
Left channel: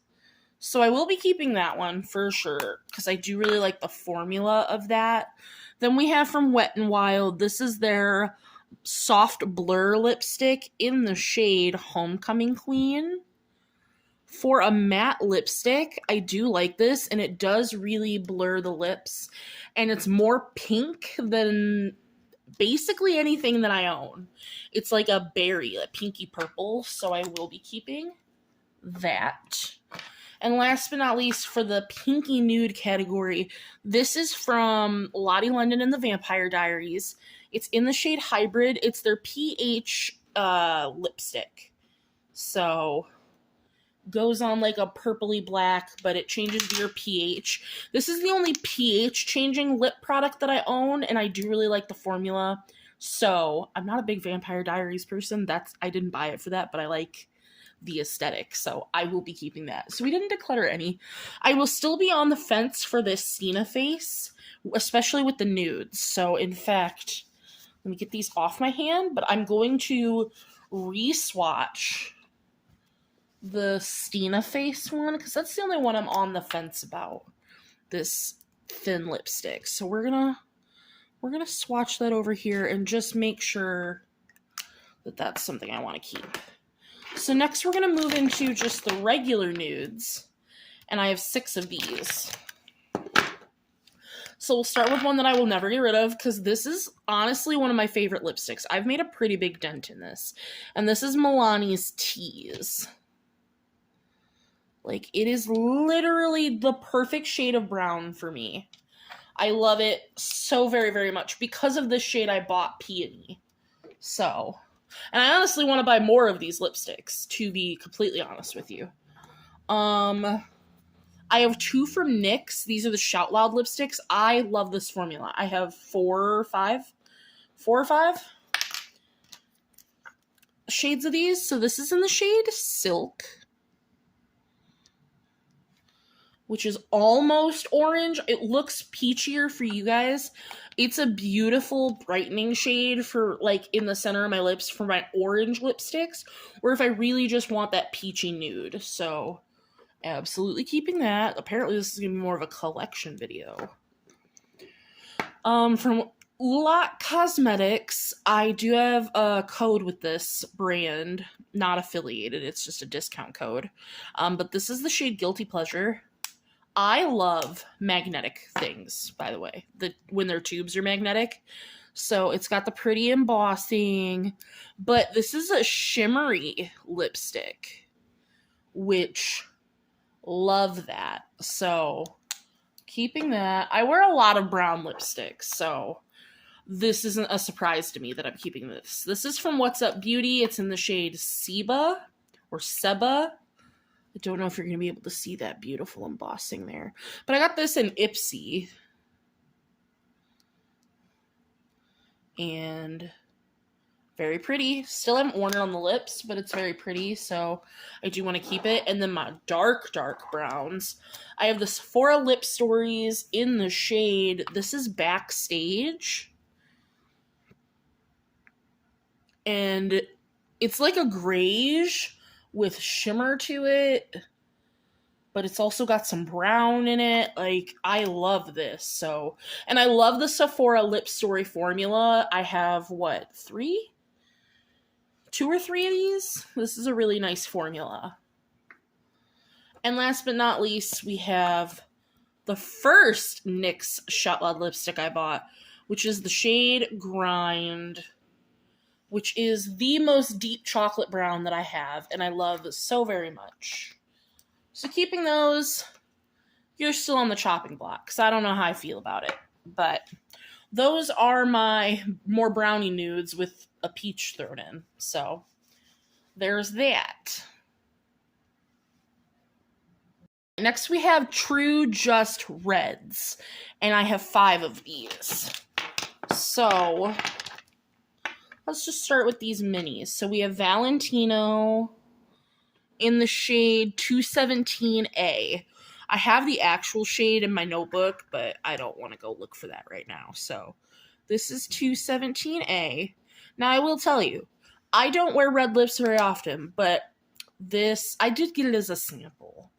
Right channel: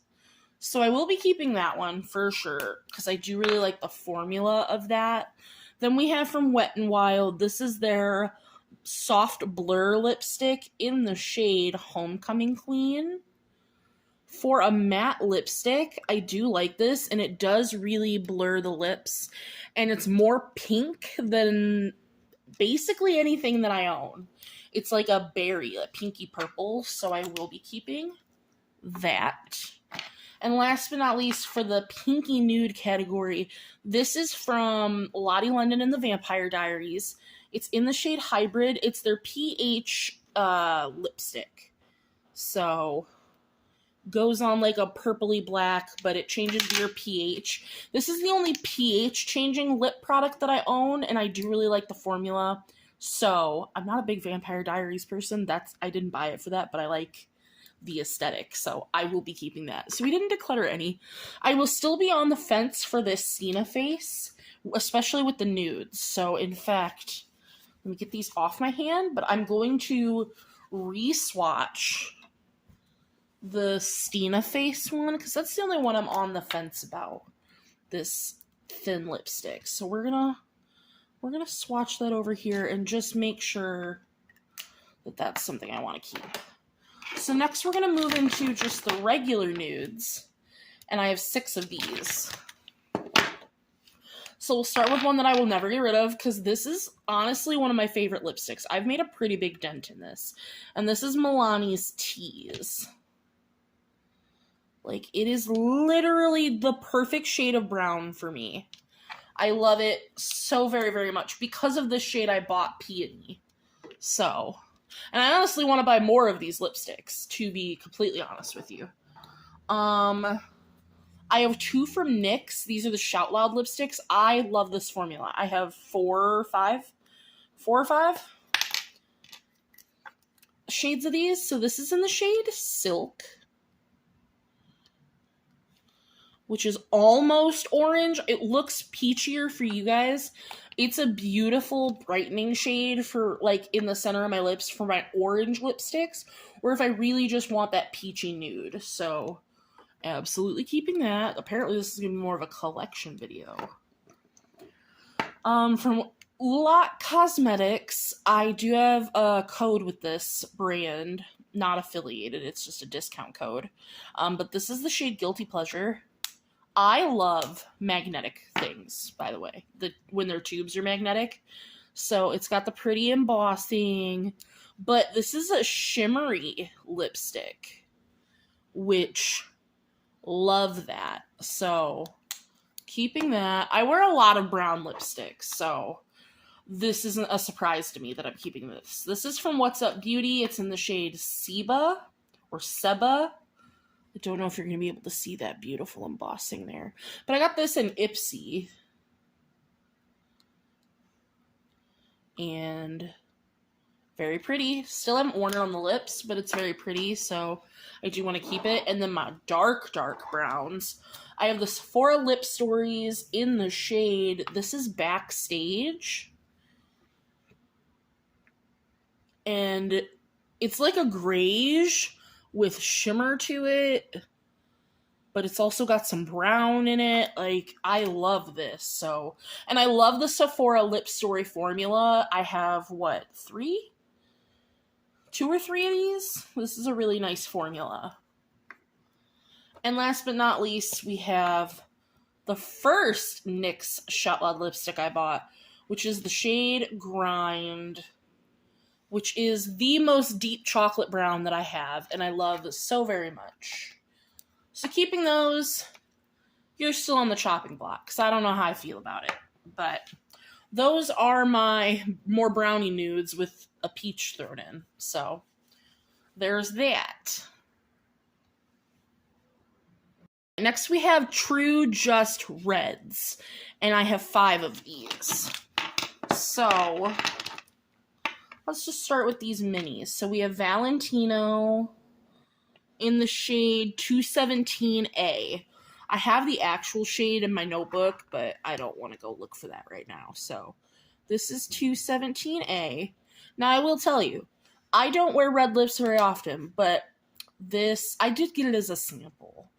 So I will be keeping that one for sure. Because I do really like the formula of that. Then we have from Wet n Wild. This is their soft blur lipstick in the shade Homecoming Queen. For a matte lipstick, I do like this, and it does really blur the lips, and it's more pink than basically anything that I own. It's like a berry, a pinky purple, so I will be keeping that. And last but not least, for the pinky nude category, this is from Lottie London and the Vampire Diaries. It's in the shade Hybrid. It's their PH lipstick. So goes on like a purpley black, but it changes to your pH. This is the only pH changing lip product that I own, and I do really like the formula. So I'm not a big Vampire Diaries person. I didn't buy it for that, but I like the aesthetic, so I will be keeping that. So we didn't declutter any. I will still be on the fence for this Stina Face, especially with the nudes. So in fact, let me get these off my hand, but I'm going to re-swatch the Stina Face one, because that's the only one I'm on the fence about, this thin lipstick. So we're gonna swatch that over here and just make sure that that's something I want to keep. So next we're gonna move into just the regular nudes, and I have 6 of these. So we'll start with one that I will never get rid of, because this is honestly one of my favorite lipsticks. I've made a pretty big dent in this, and this is Milani's Tease. Like, it is literally the perfect shade of brown for me. I love it so very, very much. Because of this shade, I bought Peony. So, and I honestly want to buy more of these lipsticks, to be completely honest with you. I have 2 from NYX. These are the Shout Loud lipsticks. I love this formula. I have 4 or 5 shades of these. So this is in the shade Silk. which is almost orange. It looks peachier for you guys. It's a beautiful brightening shade for, like, in the center of my lips for my orange lipsticks, or if I really just want that peachy nude. So, absolutely keeping that. Apparently, this is going to be more of a collection video. From Lot Cosmetics, I do have a code with this brand, not affiliated, it's just a discount code. But this is the shade Guilty Pleasure. I love magnetic things, by the way, when their tubes are magnetic. So it's got the pretty embossing, but this is a shimmery lipstick, which love that. So keeping that. I wear a lot of brown lipsticks, so this isn't a surprise to me that I'm keeping this. This is from What's Up Beauty. It's in the shade Seba or Seba. I don't know if you're going to be able to see that beautiful embossing there. But I got this in Ipsy. And very pretty. Still haven't worn it on the lips, but it's very pretty, so I do want to keep it. And then my dark, dark browns. I have the Sephora Lip Stories in the shade. This is Backstage. And it's like a grayish with shimmer to it, but it's also got some brown in it. Like, I love this. So, and I love the Sephora Lip Story formula. I have, what, 2 or 3 of these? This is a really nice formula. And last but not least, we have the first NYX Shot Loud lipstick I bought, which is the shade Grind, which is the most deep chocolate brown that I have, and I love so very much. So keeping those, you're still on the chopping block, because I don't know how I feel about it. But those are my more brownie nudes with a peach thrown in. So there's that. Next we have True Just Reds, and I have 5 of these. So let's just start with these minis. So we have Valentino in the shade 217A. I have the actual shade in my notebook, but I don't want to go look for that right now. So this is 217A. Now I will tell you, I don't wear red lips very often, but this, I did get it as a sample.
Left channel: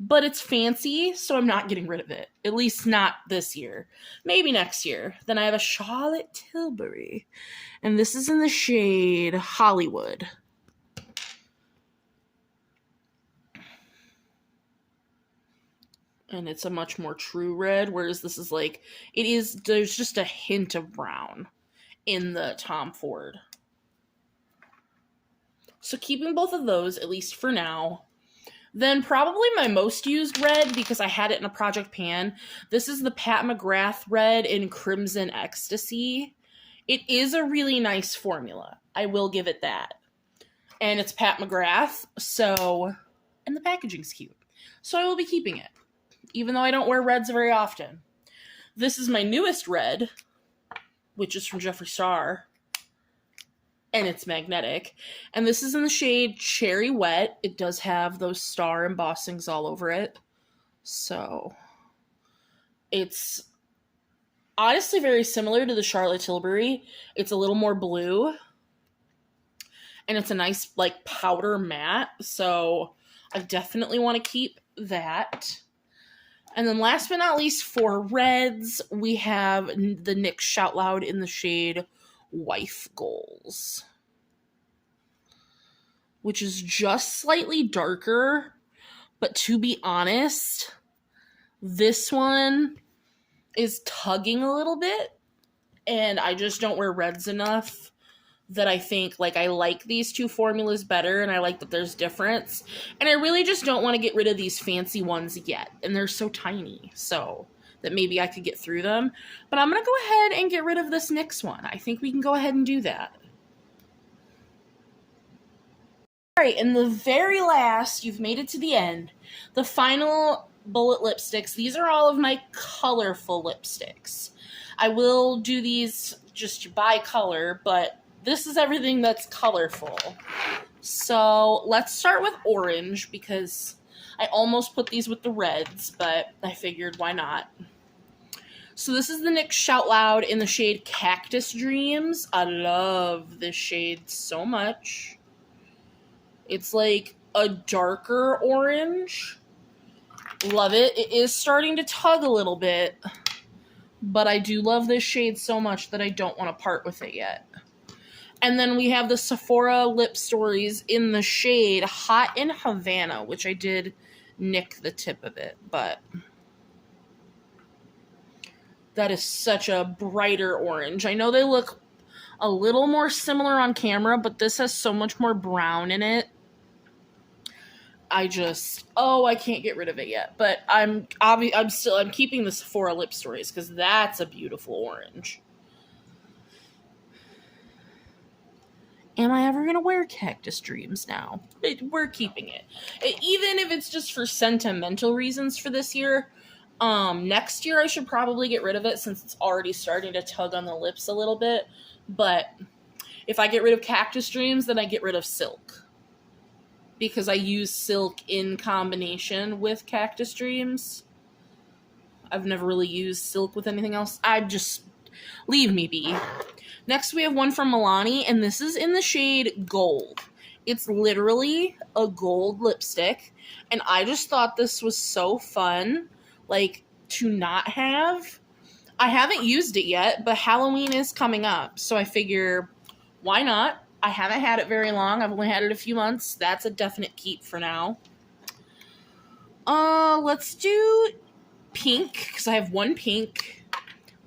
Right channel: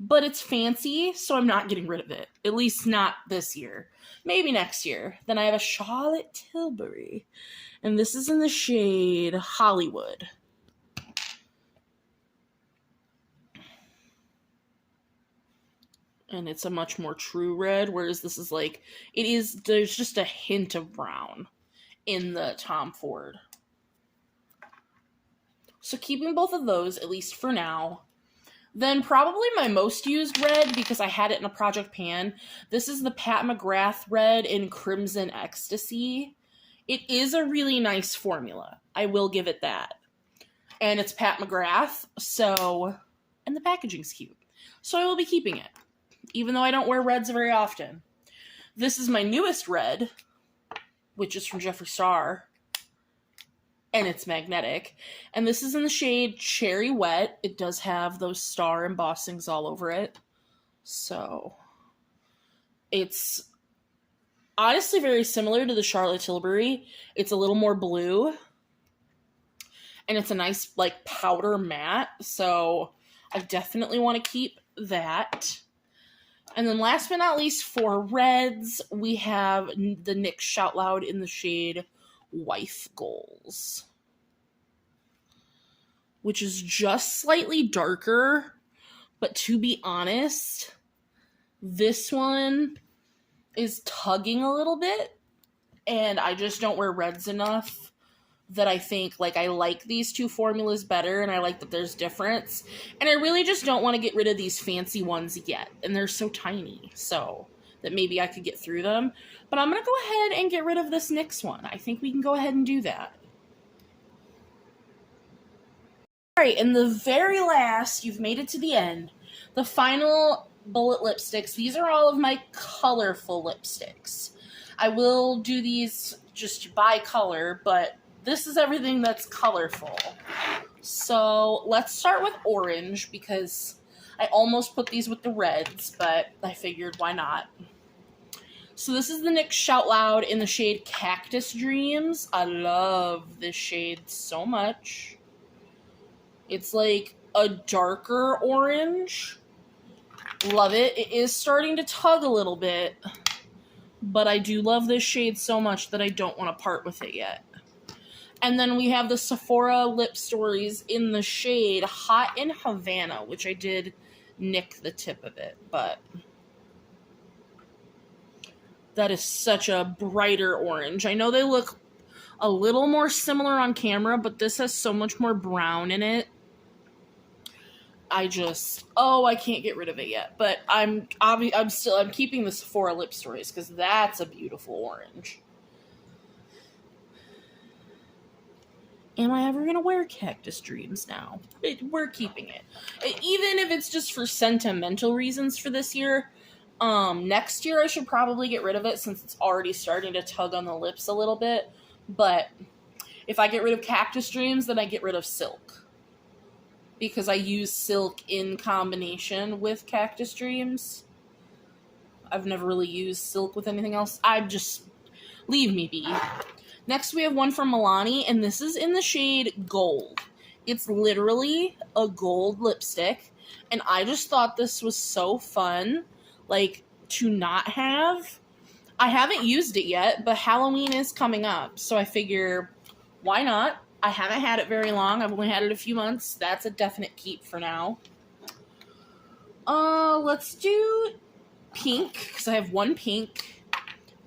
But it's fancy, so I'm not getting rid of it. At least not this year. Maybe next year. Then I have a Charlotte Tilbury. And this is in the shade Hollywood. And it's a much more true red, whereas this is like, there's just a hint of brown in the Tom Ford. So keeping both of those, at least for now. Then probably my most used red, because I had it in a project pan. This is the Pat McGrath red in Crimson Ecstasy. It is a really nice formula. I will give it that. And it's Pat McGrath, so, and the packaging's cute. So I will be keeping it, even though I don't wear reds very often. This is my newest red, which is from Jeffree Star. And it's magnetic. And this is in the shade Cherry Wet. It does have those star embossings all over it. So it's honestly very similar to the Charlotte Tilbury. It's a little more blue. And it's a nice, like, powder matte. So I definitely want to keep that. And then last but not least, for reds, we have the NYX Shout Loud in the shade Wife Goals, which is just slightly darker, but to be honest, this one is tugging a little bit, and I just don't wear reds enough that I think, like, I like these two formulas better, and I like that there's difference, and I really just don't want to get rid of these fancy ones yet, and they're so tiny, so that maybe I could get through them. But I'm going to go ahead and get rid of this NYX one. I think we can go ahead and do that. Alright, and the very last, you've made it to the end, the final bullet lipsticks. These are all of my colorful lipsticks. I will do these just by color, but this is everything that's colorful. So let's start with orange, because I almost put these with the reds, but I figured why not. So this is the NYX Shout Loud in the shade Cactus Dreams. I love this shade so much. It's like a darker orange. Love it. It is starting to tug a little bit, but I do love this shade so much that I don't want to part with it yet. And then we have the Sephora Lip Stories in the shade Hot in Havana, which I did nick the tip of it, but that is such a brighter orange. I know they look a little more similar on camera, but this has so much more brown in it. I can't get rid of it yet. But I'm keeping the Sephora Lip Stories because that's a beautiful orange. Am I ever going to wear Cactus Dreams now? We're keeping it. Even if it's just for sentimental reasons for this year. Next year I should probably get rid of it since it's already starting to tug on the lips a little bit. But if I get rid of Cactus Dreams, then I get rid of Silk. Because I use Silk in combination with Cactus Dreams. I've never really used Silk with anything else. Leave me be. Next we have one from Milani, and this is in the shade Gold. It's literally a gold lipstick, and I just thought this was so fun, like, to not have. I haven't used it yet, but Halloween is coming up, so I figure, why not? I haven't had it very long. I've only had it a few months. That's a definite keep for now. Let's do pink, because I have one pink.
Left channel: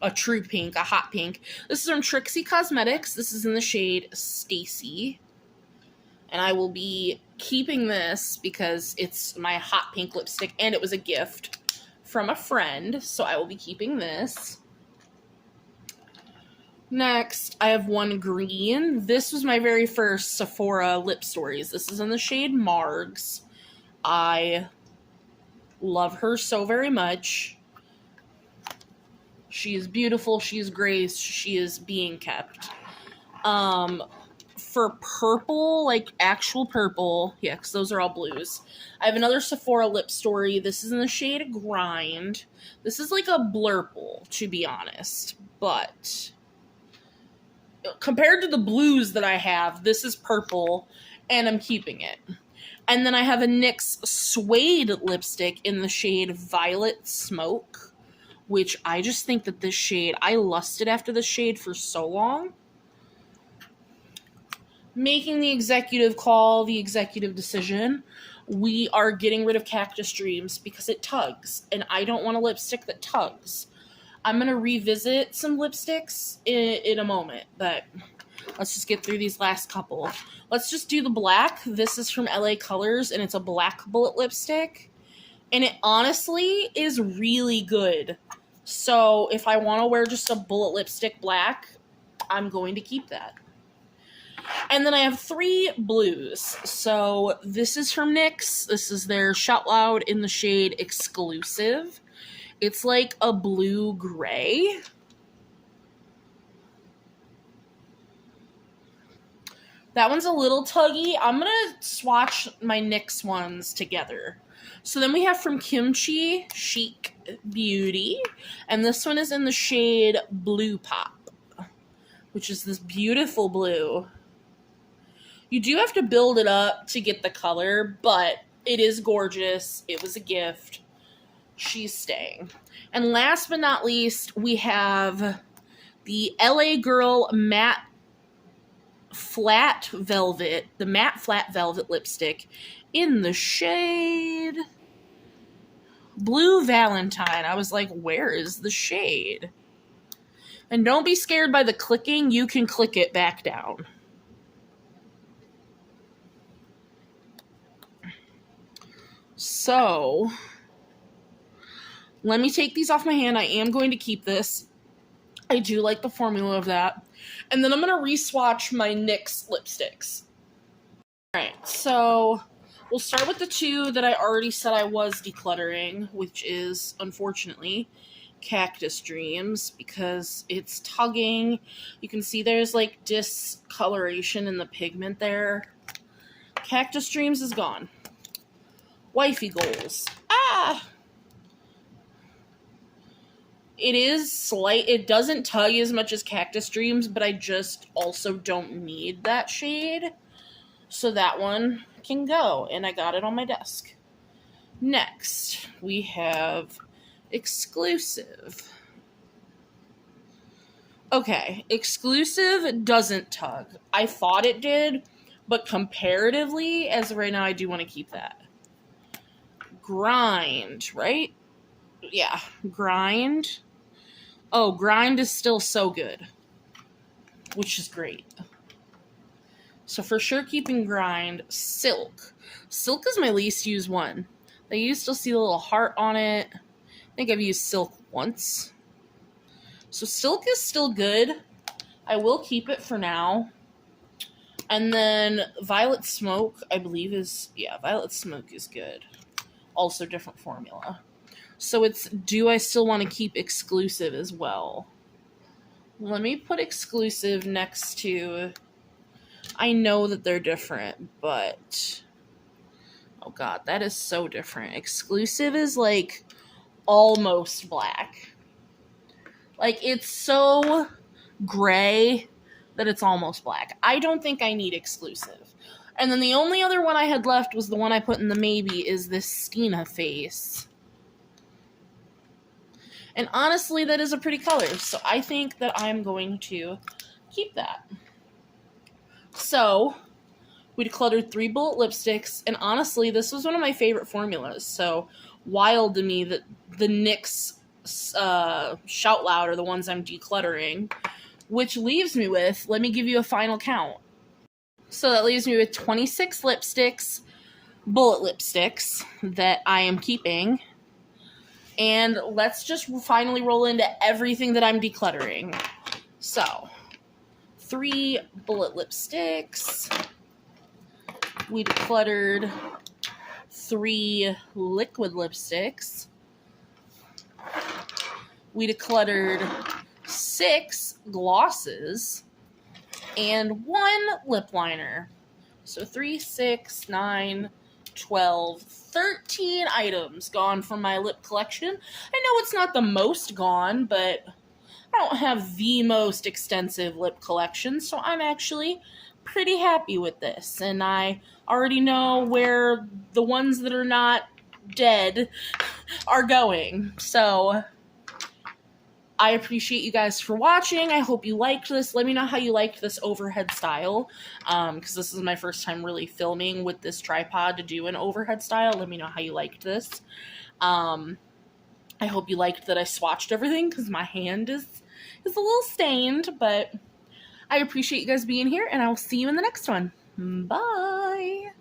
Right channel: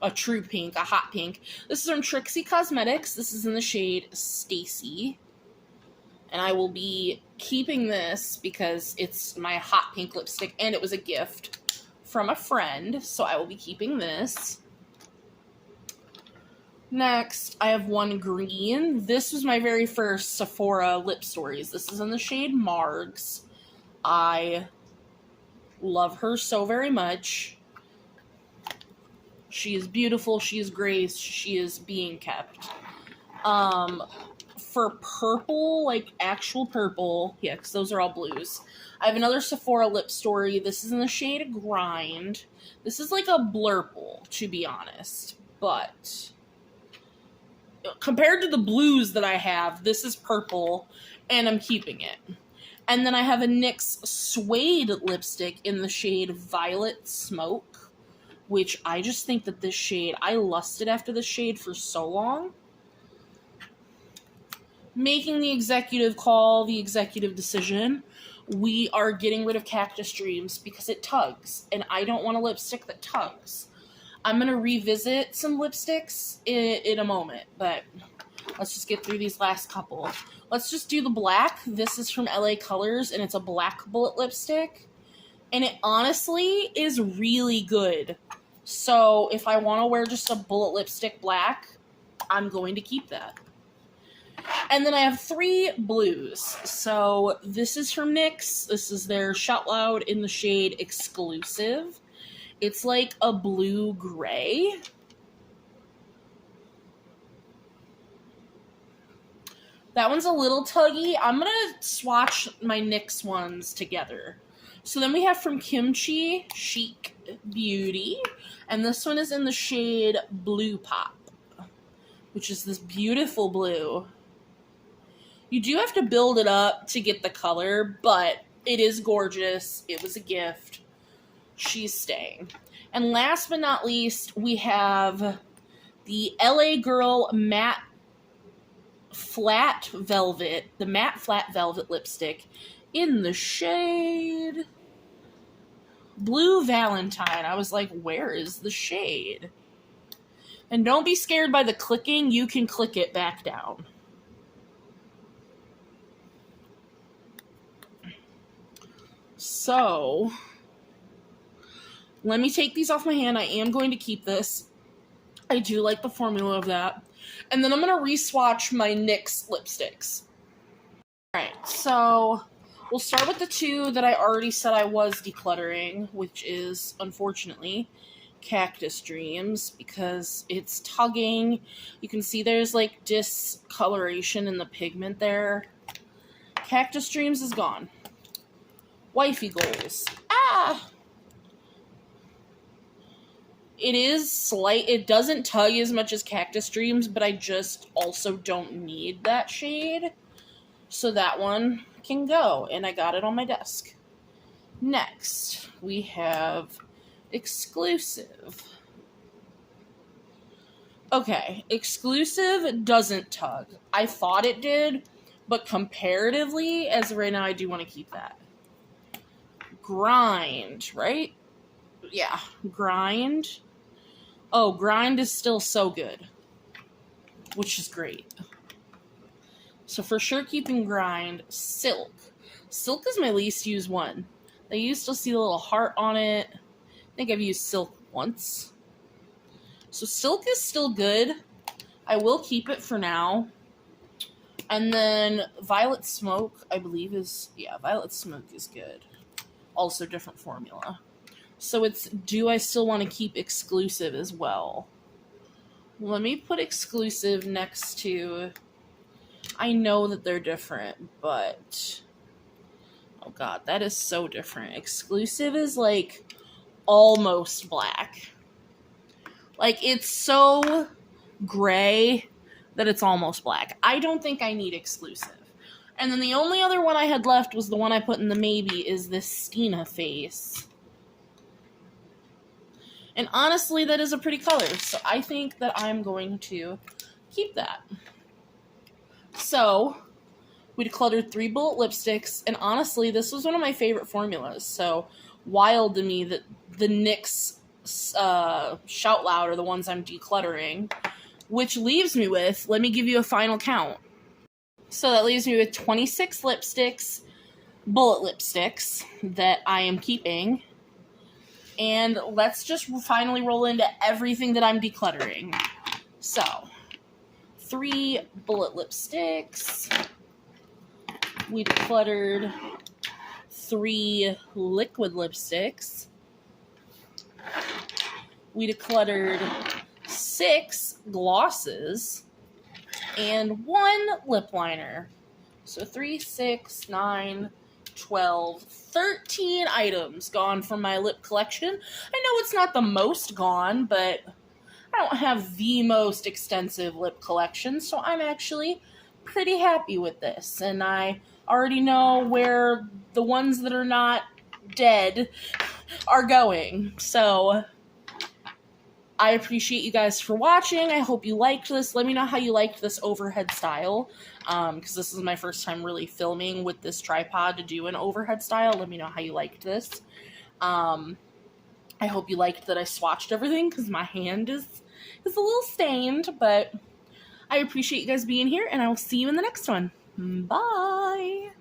A true pink, a hot pink. This is from Trixie Cosmetics. This is in the shade Stacy. And I will be keeping this because it's my hot pink lipstick, and it was a gift from a friend. So I will be keeping this. Next, I have one green. This was my very first Sephora Lip Stories. This is in the shade Margs. I love her so very much. She is beautiful. She is graced. She is being kept. For purple, like actual purple, yeah, because those are all blues. I have another Sephora Lip Story. This is in the shade Grind. This is like a blurple, to be honest, but compared to the blues that I have, this is purple, and I'm keeping it. And then I have a NYX Suede lipstick in the shade Violet Smoke, which I just think that this shade, I lusted after this shade for so long. Making the executive call, the executive decision, we are getting rid of Cactus Dreams because it tugs, and I don't want a lipstick that tugs. I'm going to revisit some lipsticks in a moment, but let's just get through these last couple. Let's just do the black. This is from LA Colors, and it's a black bullet lipstick, and it honestly is really good. So if I want to wear just a bullet lipstick black, I'm going to keep that. And then I have three blues. So this is from NYX. This is their Shout Loud in the shade Exclusive. It's like a blue-gray. That one's a little tuggy. I'm going to swatch my NYX ones together. So then we have from Kimchi, Chic Beauty. And this one is in the shade Blue Pop, which is this beautiful blue. You do have to build it up to get the color, but it is gorgeous. It was a gift. She's staying. And last but not least, we have the LA Girl Matte Flat Velvet, the Matte Flat Velvet lipstick in the shade Blue Valentine. I was like, where is the shade? And don't be scared by the clicking. You can click it back down. So, let me take these off my hand. I am going to keep this. I do like the formula of that. And then I'm going to re-swatch my NYX lipsticks. Alright, so we'll start with the two that I already said I was decluttering, which is, unfortunately, Cactus Dreams, because it's tugging. You can see there's like discoloration in the pigment there. Cactus Dreams is gone. Wifey goals. Ah! It is slight. It doesn't tug as much as Cactus Dreams, but I just also don't need that shade. So that one can go, and I got it on my desk. Next, we have Exclusive. Okay, Exclusive doesn't tug. I thought it did, but comparatively, as of right now, I do want to keep that. Grind, right? Yeah, Grind. Oh, Grind is still so good, which is great. So for sure keeping Grind. Silk. Silk is my least used one. You still see the little heart on it. I think I've used Silk once. So Silk is still good. I will keep it for now. And then Violet Smoke, I believe is, yeah, Violet Smoke is good. Also different formula. So it's, do I still want to keep Exclusive as well? Let me put Exclusive next to, I know that they're different, but, oh god, that is so different. Exclusive is like almost black. Like, it's so gray that it's almost black. I don't think I need Exclusive. And then the only other one I had left was the one I put in the maybe, is this Stina face. And honestly, that is a pretty color, so I think that I'm going to keep that. So, we decluttered 3 bullet lipsticks, and honestly, this was one of my favorite formulas, so wild to me that the NYX Shout Loud are the ones I'm decluttering, which leaves me with, let me give you a final count. So that leaves me with 26 lipsticks, bullet lipsticks, that I am keeping. And let's just finally roll into everything that I'm decluttering. So, 3 bullet lipsticks. We decluttered 3 liquid lipsticks. We decluttered 6 glosses. And 1 lip liner. So 3, 6, 9, 12, 13 items gone from my lip collection. I know it's not the most gone, but I don't have the most extensive lip collection, so I'm actually pretty happy with this. And I already know where the ones that are not dead are going. So I appreciate you guys for watching. I hope you liked this. Let me know how you liked this overhead style, because this is my first time really filming with this tripod to do an overhead style. Let me know how you liked this. I hope you liked that I swatched everything, because my hand is a little stained, but I appreciate you guys being here, and I will see you in the next one. Bye!